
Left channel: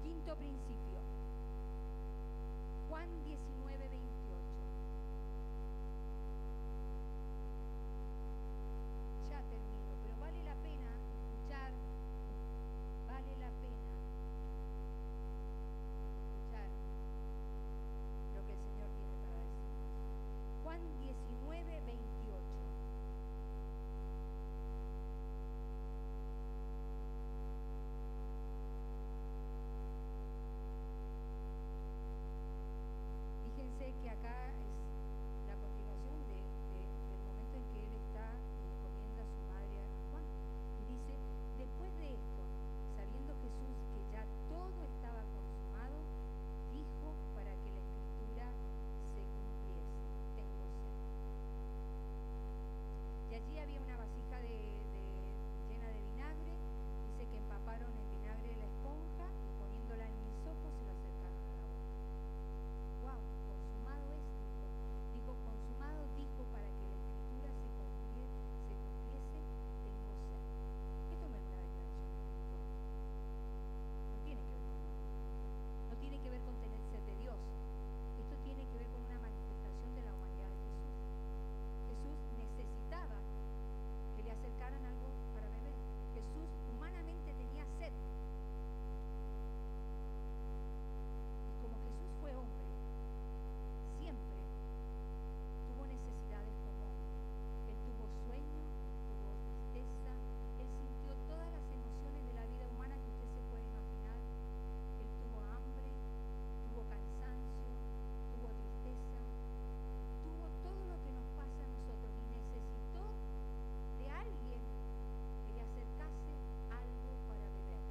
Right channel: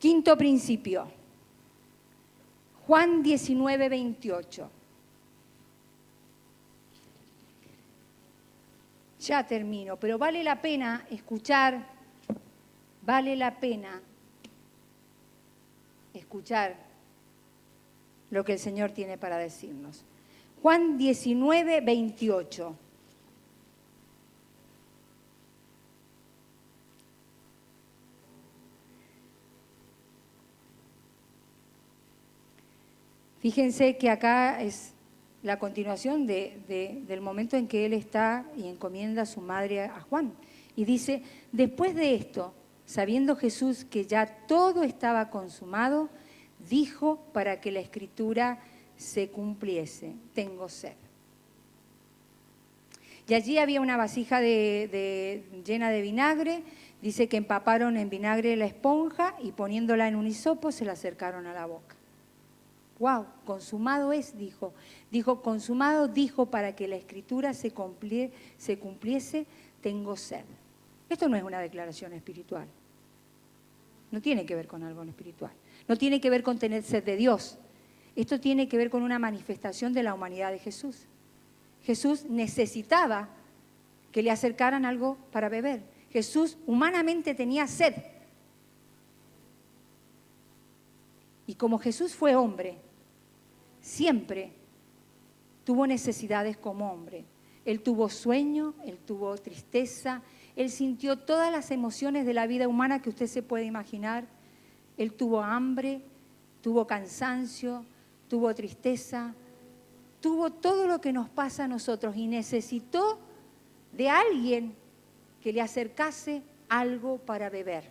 Quinto principio. Juan 19, 28. Ya termino, pero vale la pena escuchar, lo que el Señor tiene para decirnos. Juan 19, 28. Fíjense que acá es la continuación del momento en que él está y encomienda a su madre a Juan. Y dice, después de esto, sabiendo Jesús que ya todo estaba consumado, dijo para que la escritura se cumpliese, tengo sed. Y allí había una vasija llena de vinagre, dice que empaparon en vinagre la esponja y poniéndola en un hisopo se la acercaron a la boca. ¡Wow! Consumado es, dijo. Dijo, consumado, dijo, para que la escritura se cumpliese, tengo sed. Esto no es una declaración espiritual. No tiene que ver con algo espiritual. No tiene que ver con tener sed de Dios. Esto tiene que ver con una manifestación de la humanidad de Jesús. Jesús necesitaba que le acercaran algo para beber. Jesús humanamente tenía sed. Y como Jesús fue hombre, siempre tuvo necesidades como hombre. Él tuvo sueño, él tuvo tristeza, él sintió todas las emociones de la vida humana que usted se puede imaginar. Él tuvo hambre, tuvo cansancio, tuvo tristeza, tuvo todo lo que nos pasa a nosotros y necesitó de alguien que le acercase algo para beber.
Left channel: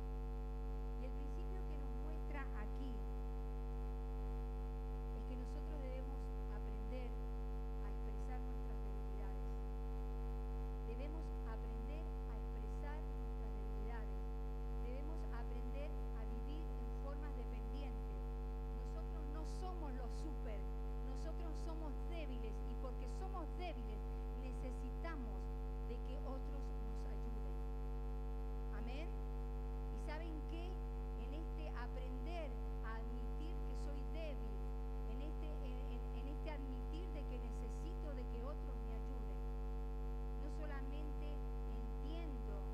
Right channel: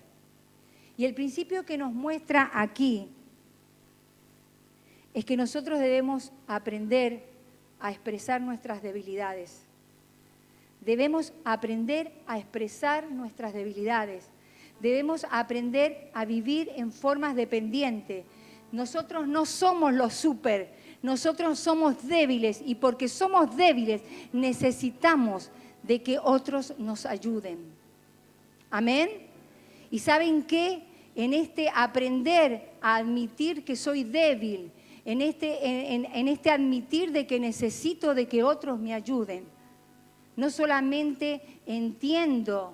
Y el principio que nos muestra aquí es que nosotros debemos aprender a expresar nuestras debilidades. Debemos aprender a expresar nuestras debilidades. Debemos aprender a vivir en formas dependientes. Nosotros no somos los súper, nosotros somos débiles y porque somos débiles necesitamos de que otros nos ayuden. Amén. ¿Y saben qué? En este aprender a admitir que soy débil, en este admitir de que necesito de que otros me ayuden, no solamente entiendo,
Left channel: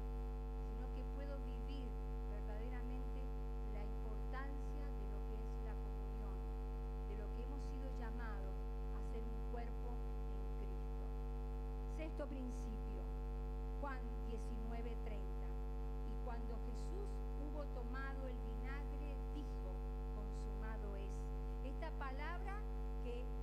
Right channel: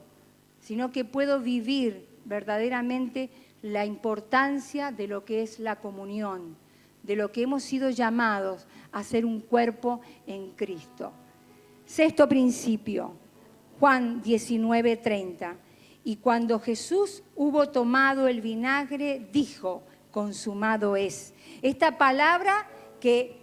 sino que puedo vivir verdaderamente la importancia de lo que es la comunión, de lo que hemos sido llamados a ser un cuerpo en Cristo. Sexto principio, Juan 19:30. Y cuando Jesús hubo tomado el vinagre, dijo, consumado es. Esta palabra que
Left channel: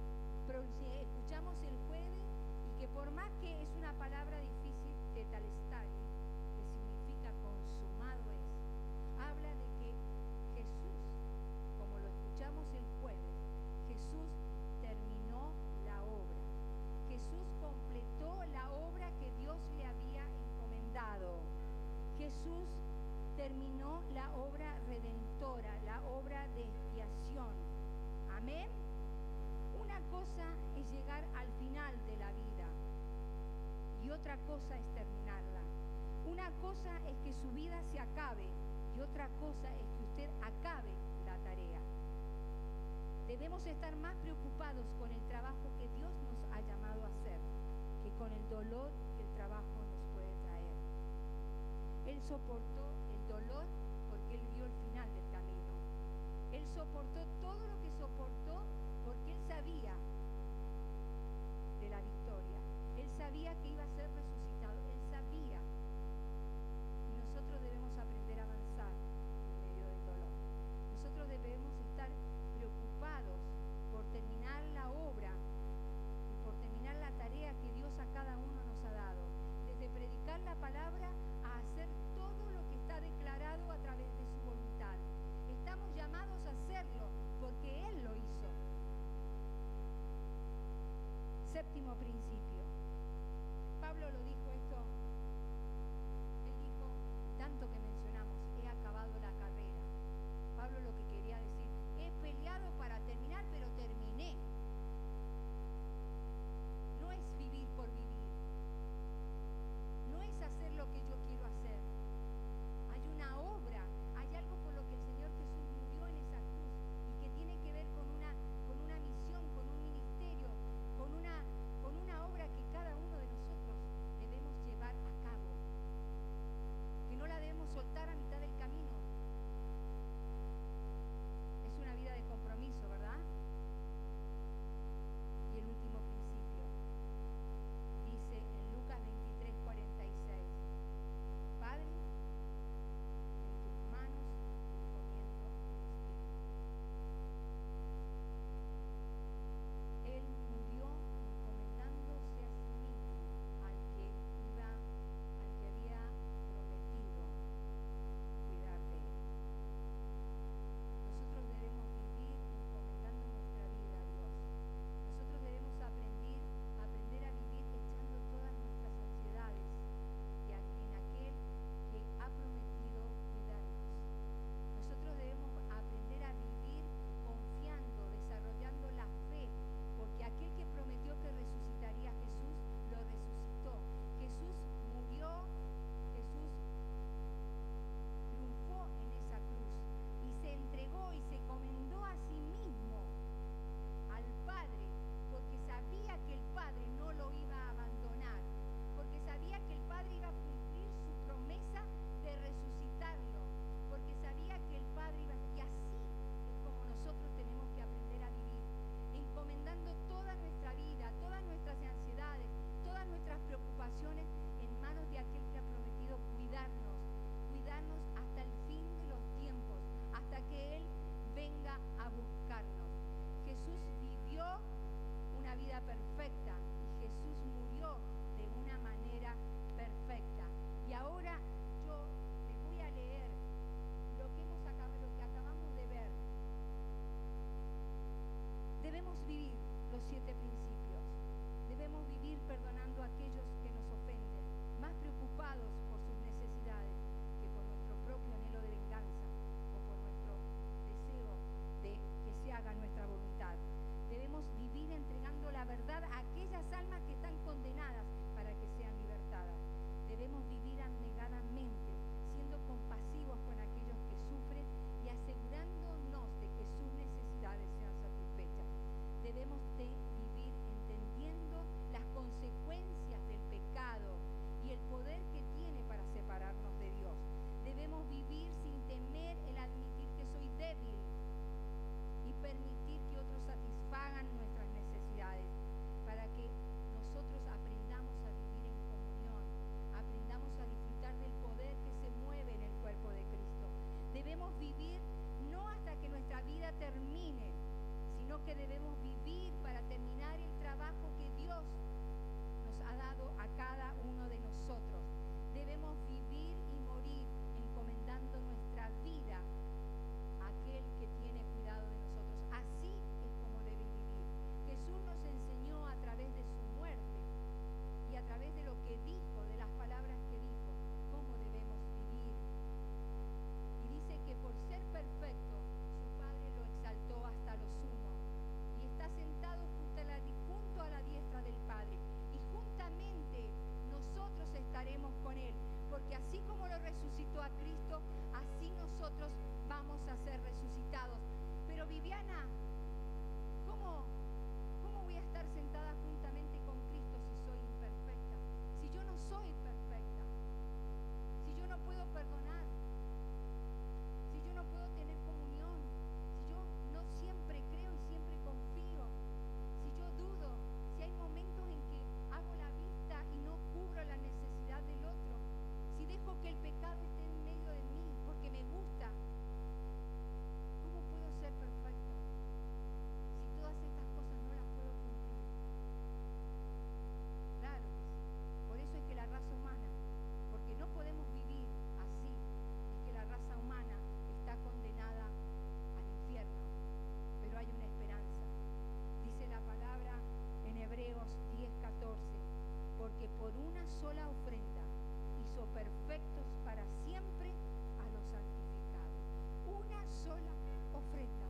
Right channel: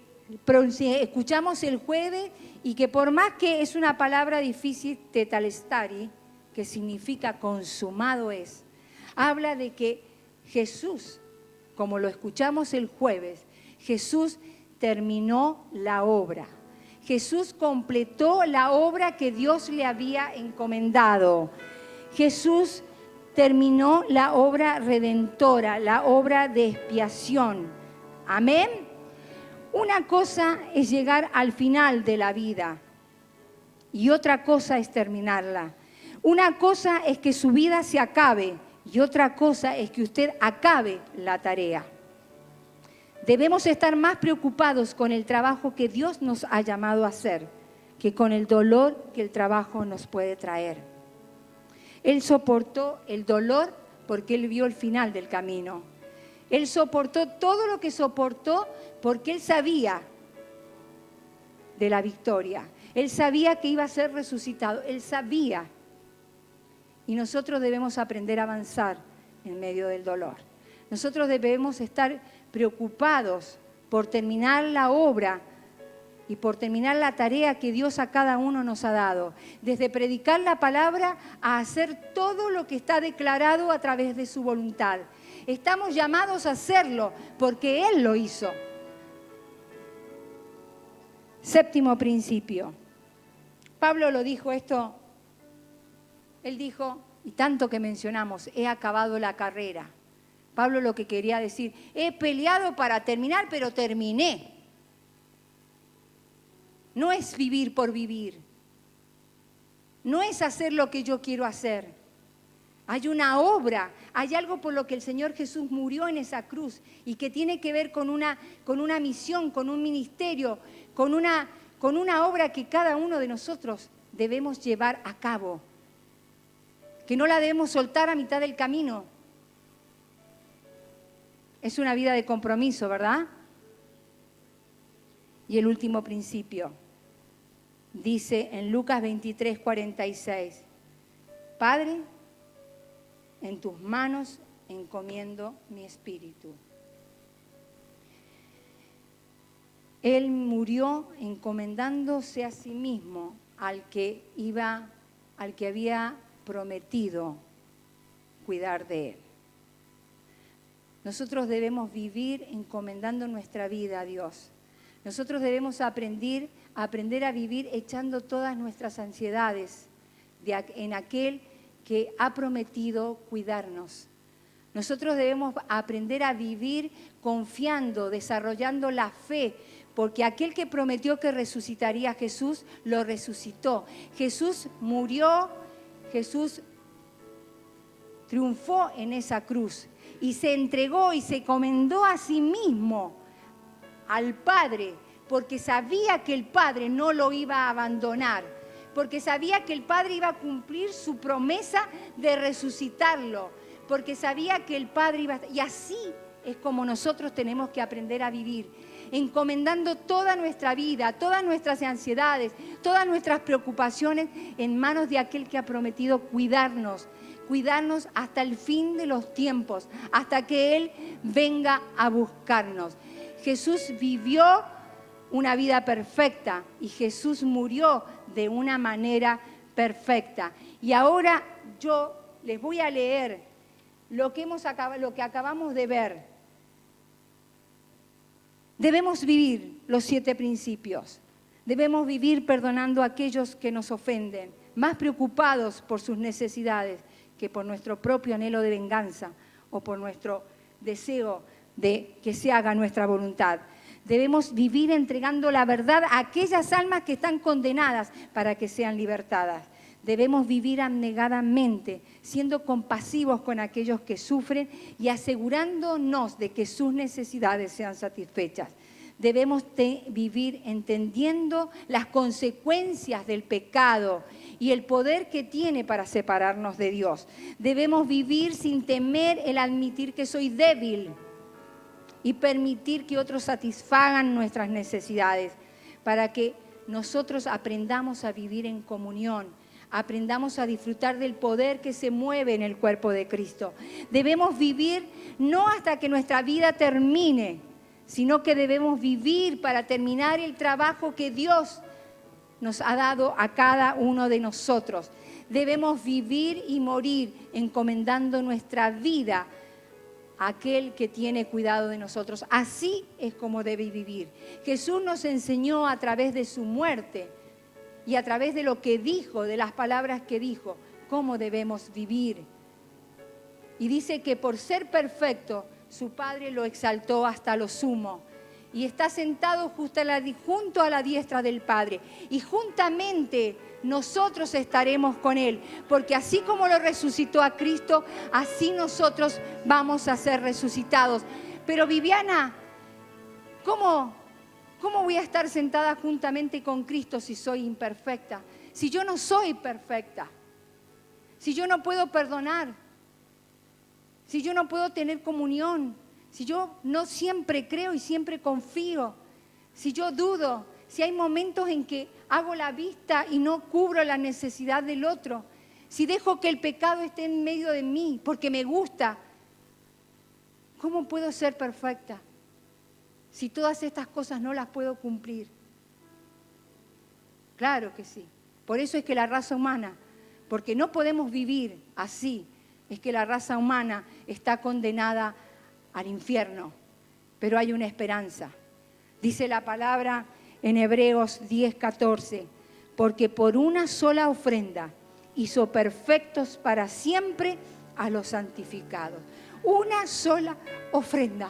escuchamos el jueves y que por más que es una palabra difícil, tetelestai, que significa consumado es, habla de que Jesús, como lo escuchamos el jueves, Jesús terminó la obra. Jesús completó la obra que Dios le había encomendado. Jesús terminó la obra redentora, la obra de expiación. Amén. Una cosa es llegar al final de la vida y otra cosa es terminarla. Una cosa es que su vida se acabe y otra cosa es que usted acabe la tarea. Debemos estar más preocupados con el trabajo que Dios nos ha llamado a hacer que con el dolor que el trabajo nos puede traer. Él soportó el dolor porque él vio el final del camino. Él soportó todo lo que soportó porque él sabía de la victoria. Él sabía que iba a ser resucitado. Él sabía. Y nosotros debemos aprender a avanzar en medio del dolor. Nosotros debemos estar preocupados por terminar la obra y por terminar la tarea que Dios a cada uno nos ha dado. Desde predicar la palabra a hacer todo lo que está declarado a través de su voluntad. Estamos llamados a hacerlo porque Él lo hizo. Séptimo principio. Pablo lo dijo esto. Él dijo, y tanto que mencionamos, he acabado la carrera. Pablo lo que quería decir, he peleado para terminar, pero terminé. No es vivir por vivir. No es hacer lo que yo quiero hacer. Hay una obra, Hay algo por lo que el Señor Jesús murió en esa cruz y que tiene que ver con una misión, con un ministerio, con una obra que cada uno de nosotros debemos llevar a cabo, que no la debemos soltar a mitad del camino. Es una vida de compromiso, ¿verdad? Y el último principio dice en Lucas 23:46, Padre, en tus manos encomiendo mi espíritu. Él murió encomendándose a sí mismo al que había prometido cuidar de él. Nosotros debemos vivir encomendando nuestra vida a Dios. Nosotros debemos aprender a vivir echando todas nuestras ansiedades en aquel que ha prometido cuidarnos. Nosotros debemos aprender a vivir confiando, desarrollando la fe, porque aquel que prometió que resucitaría a Jesús, lo resucitó. Jesús murió, Jesús triunfó en esa cruz y se entregó y se encomendó a sí mismo al Padre, porque sabía que el Padre no lo iba a abandonar, porque sabía que el Padre iba a cumplir su promesa de resucitarlo, porque sabía que el Padre iba a... Y así es como nosotros tenemos que aprender a vivir, encomendando toda nuestra vida, todas nuestras ansiedades, todas nuestras preocupaciones en manos de aquel que ha prometido cuidarnos hasta el fin de los tiempos, hasta que Él venga a buscarnos. Jesús vivió una vida perfecta y Jesús murió de una manera perfecta. Y ahora yo les voy a leer lo que acabamos de ver. Debemos vivir los 7 principios. Debemos vivir perdonando a aquellos que nos ofenden, más preocupados por sus necesidades que por nuestro propio anhelo de venganza o por nuestro deseo de que se haga nuestra voluntad. Debemos vivir entregando la verdad a aquellas almas que están condenadas para que sean libertadas. Debemos vivir abnegadamente, siendo compasivos con aquellos que sufren y asegurándonos de que sus necesidades sean satisfechas. Debemos vivir entendiendo las consecuencias del pecado y el poder que tiene para separarnos de Dios. Debemos vivir sin temer el admitir que soy débil y permitir que otros satisfagan nuestras necesidades, para que nosotros aprendamos a vivir en comunión, aprendamos a disfrutar del poder que se mueve en el cuerpo de Cristo. Debemos vivir no hasta que nuestra vida termine, sino que debemos vivir para terminar el trabajo que Dios nos ha dado a cada uno de nosotros. Debemos vivir y morir encomendando nuestra vida a aquel que tiene cuidado de nosotros. Así es como debe vivir. Jesús nos enseñó a través de su muerte y a través de lo que dijo, de las palabras que dijo, cómo debemos vivir. Y dice que por ser perfecto, su Padre lo exaltó hasta lo sumo. Y está sentado junto a la diestra del Padre. Y juntamente nosotros estaremos con Él. Porque así como lo resucitó a Cristo, así nosotros vamos a ser resucitados. Pero Viviana, ¿cómo voy a estar sentada juntamente con Cristo si soy imperfecta? Si yo no soy perfecta. Si yo no puedo perdonar. Si yo no puedo tener comunión. Si yo no siempre creo y siempre confío, si yo dudo, si hay momentos en que hago la vista y no cubro la necesidad del otro, si dejo que el pecado esté en medio de mí porque me gusta, ¿cómo puedo ser perfecta si todas estas cosas no las puedo cumplir? Claro que sí. Por eso es que la raza humana, porque no podemos vivir así, es que la raza humana está condenada al infierno, pero hay una esperanza. Dice la palabra en Hebreos 10:14, porque por una sola ofrenda hizo perfectos para siempre a los santificados. Una sola ofrenda,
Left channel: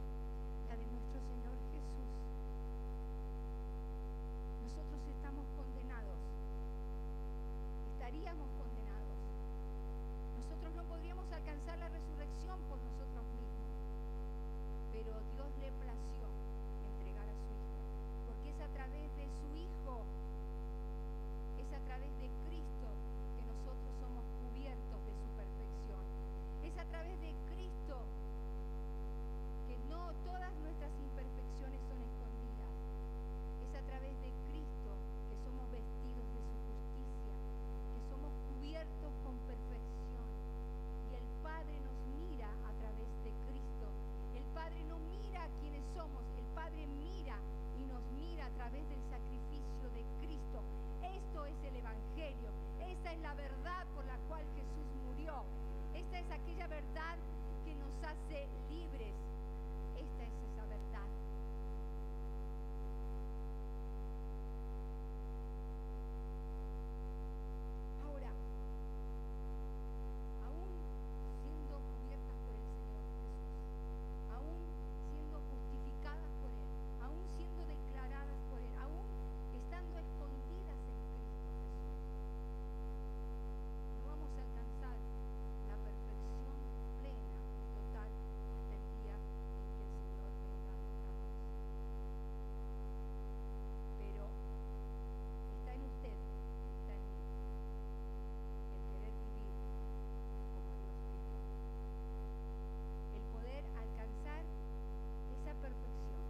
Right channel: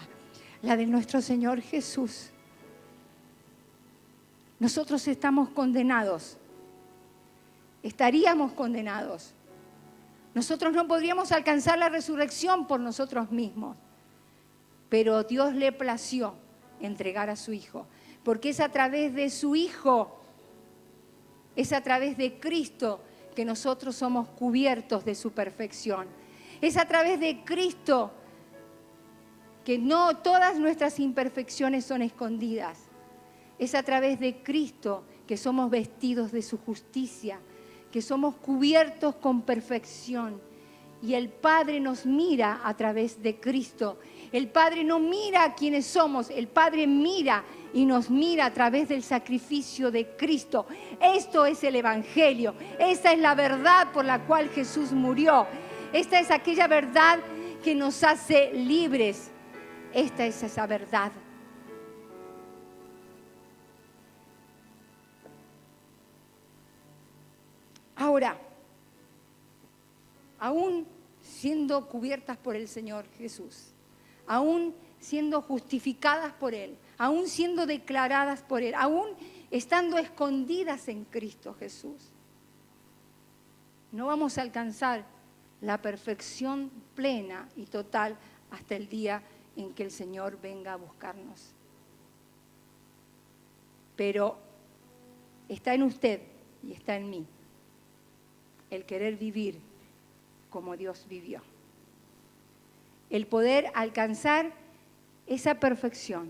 la de nuestro Señor Jesús. Nosotros estamos condenados, estaríamos condenados. Nosotros no podríamos alcanzar la resurrección por nosotros mismos, pero Dios le plació entregar a su Hijo, porque es a través de su Hijo, es a través de Cristo que nosotros somos cubiertos de su perfección. Es a través de Cristo que no todas nuestras imperfecciones son escondidas. Es a través de Cristo que somos vestidos de su justicia, que somos cubiertos con perfección. Y el Padre nos mira a través de Cristo. El Padre no mira a quienes somos, el Padre mira y nos mira a través del sacrificio de Cristo. Esto es el Evangelio. Esta es la verdad por la cual Jesús murió. Esta es aquella verdad que nos hace libres. Esta es esa verdad. Ahora, aún siendo cubiertas por el Señor Jesús, aún siendo justificadas por Él, aún siendo declaradas por Él, aún estando escondidas en Cristo Jesús, no vamos a alcanzar la perfección plena y total hasta el día en que el Señor venga a buscarnos. Pero está en usted y está en mí el querer vivir como Dios vivió, el poder alcanzar esa perfección,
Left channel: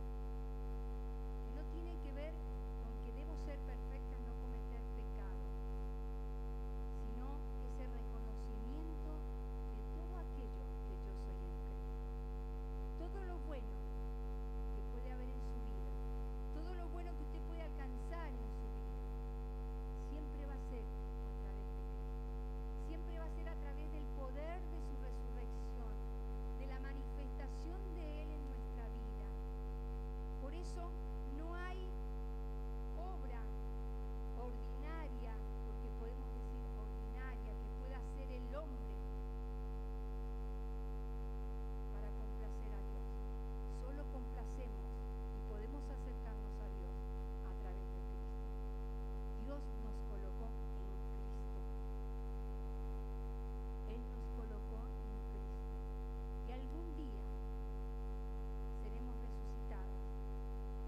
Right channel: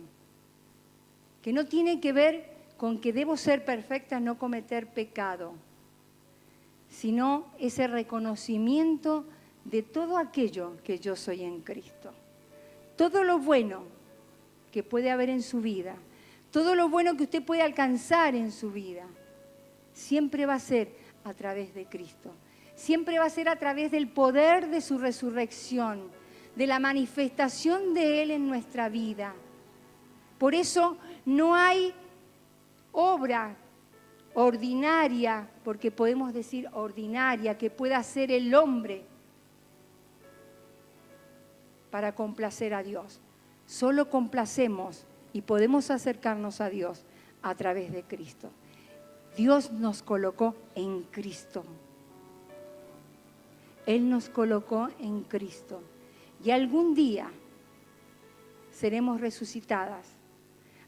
que no tiene que ver con que debo ser perfecta, no cometer pecado, sino ese reconocimiento de todo aquello que yo soy en Cristo. Todo lo bueno que puede haber en su vida, todo lo bueno que usted puede alcanzar en su vida, siempre va a ser a través de Cristo. Siempre va a ser a través del poder de su resurrección, de la manifestación de Él en nuestra vida. Por eso no hay obra ordinaria, porque podemos decir ordinaria, que pueda hacer el hombre para complacer a Dios. Solo complacemos y podemos acercarnos a Dios a través de Cristo. Dios nos colocó en Cristo. Él nos colocó en Cristo. Y algún día seremos resucitadas.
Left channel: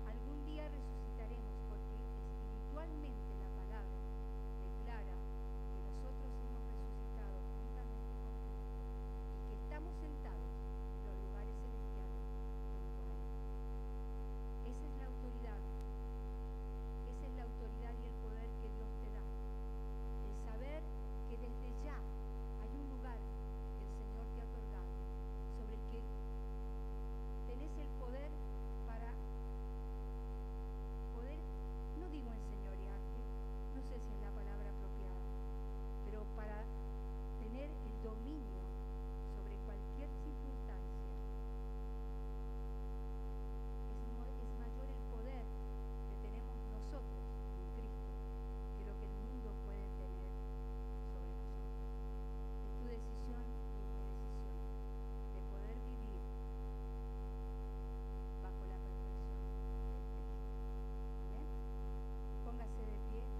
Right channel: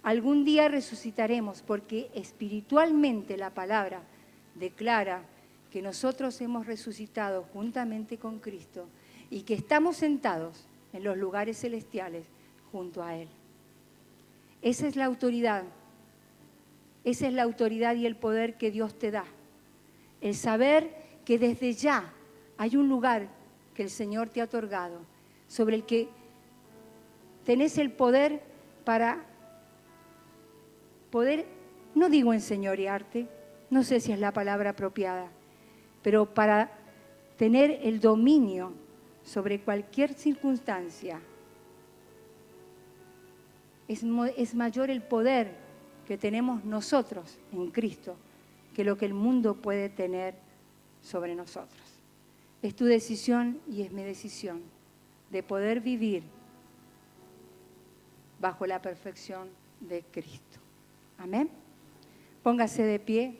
Algún día resucitaremos, porque espiritualmente la palabra declara que nosotros hemos resucitado juntamente con Cristo y que estamos sentados en los lugares celestiales junto a Él. Esa es la autoridad. Esa es la autoridad y el poder que Dios te da. El saber que desde ya hay un lugar que el Señor te ha otorgado, sobre el que tenés el poder para poder, no digo enseñorearte, no sé si es la palabra apropiada, pero para tener el dominio sobre cualquier circunstancia. Es mayor el poder que tenemos nosotros en Cristo que lo que el mundo puede tener sobre nosotros. Es tu decisión y es mi decisión de poder vivir bajo la perfección de Cristo. Amén. Póngase de pie.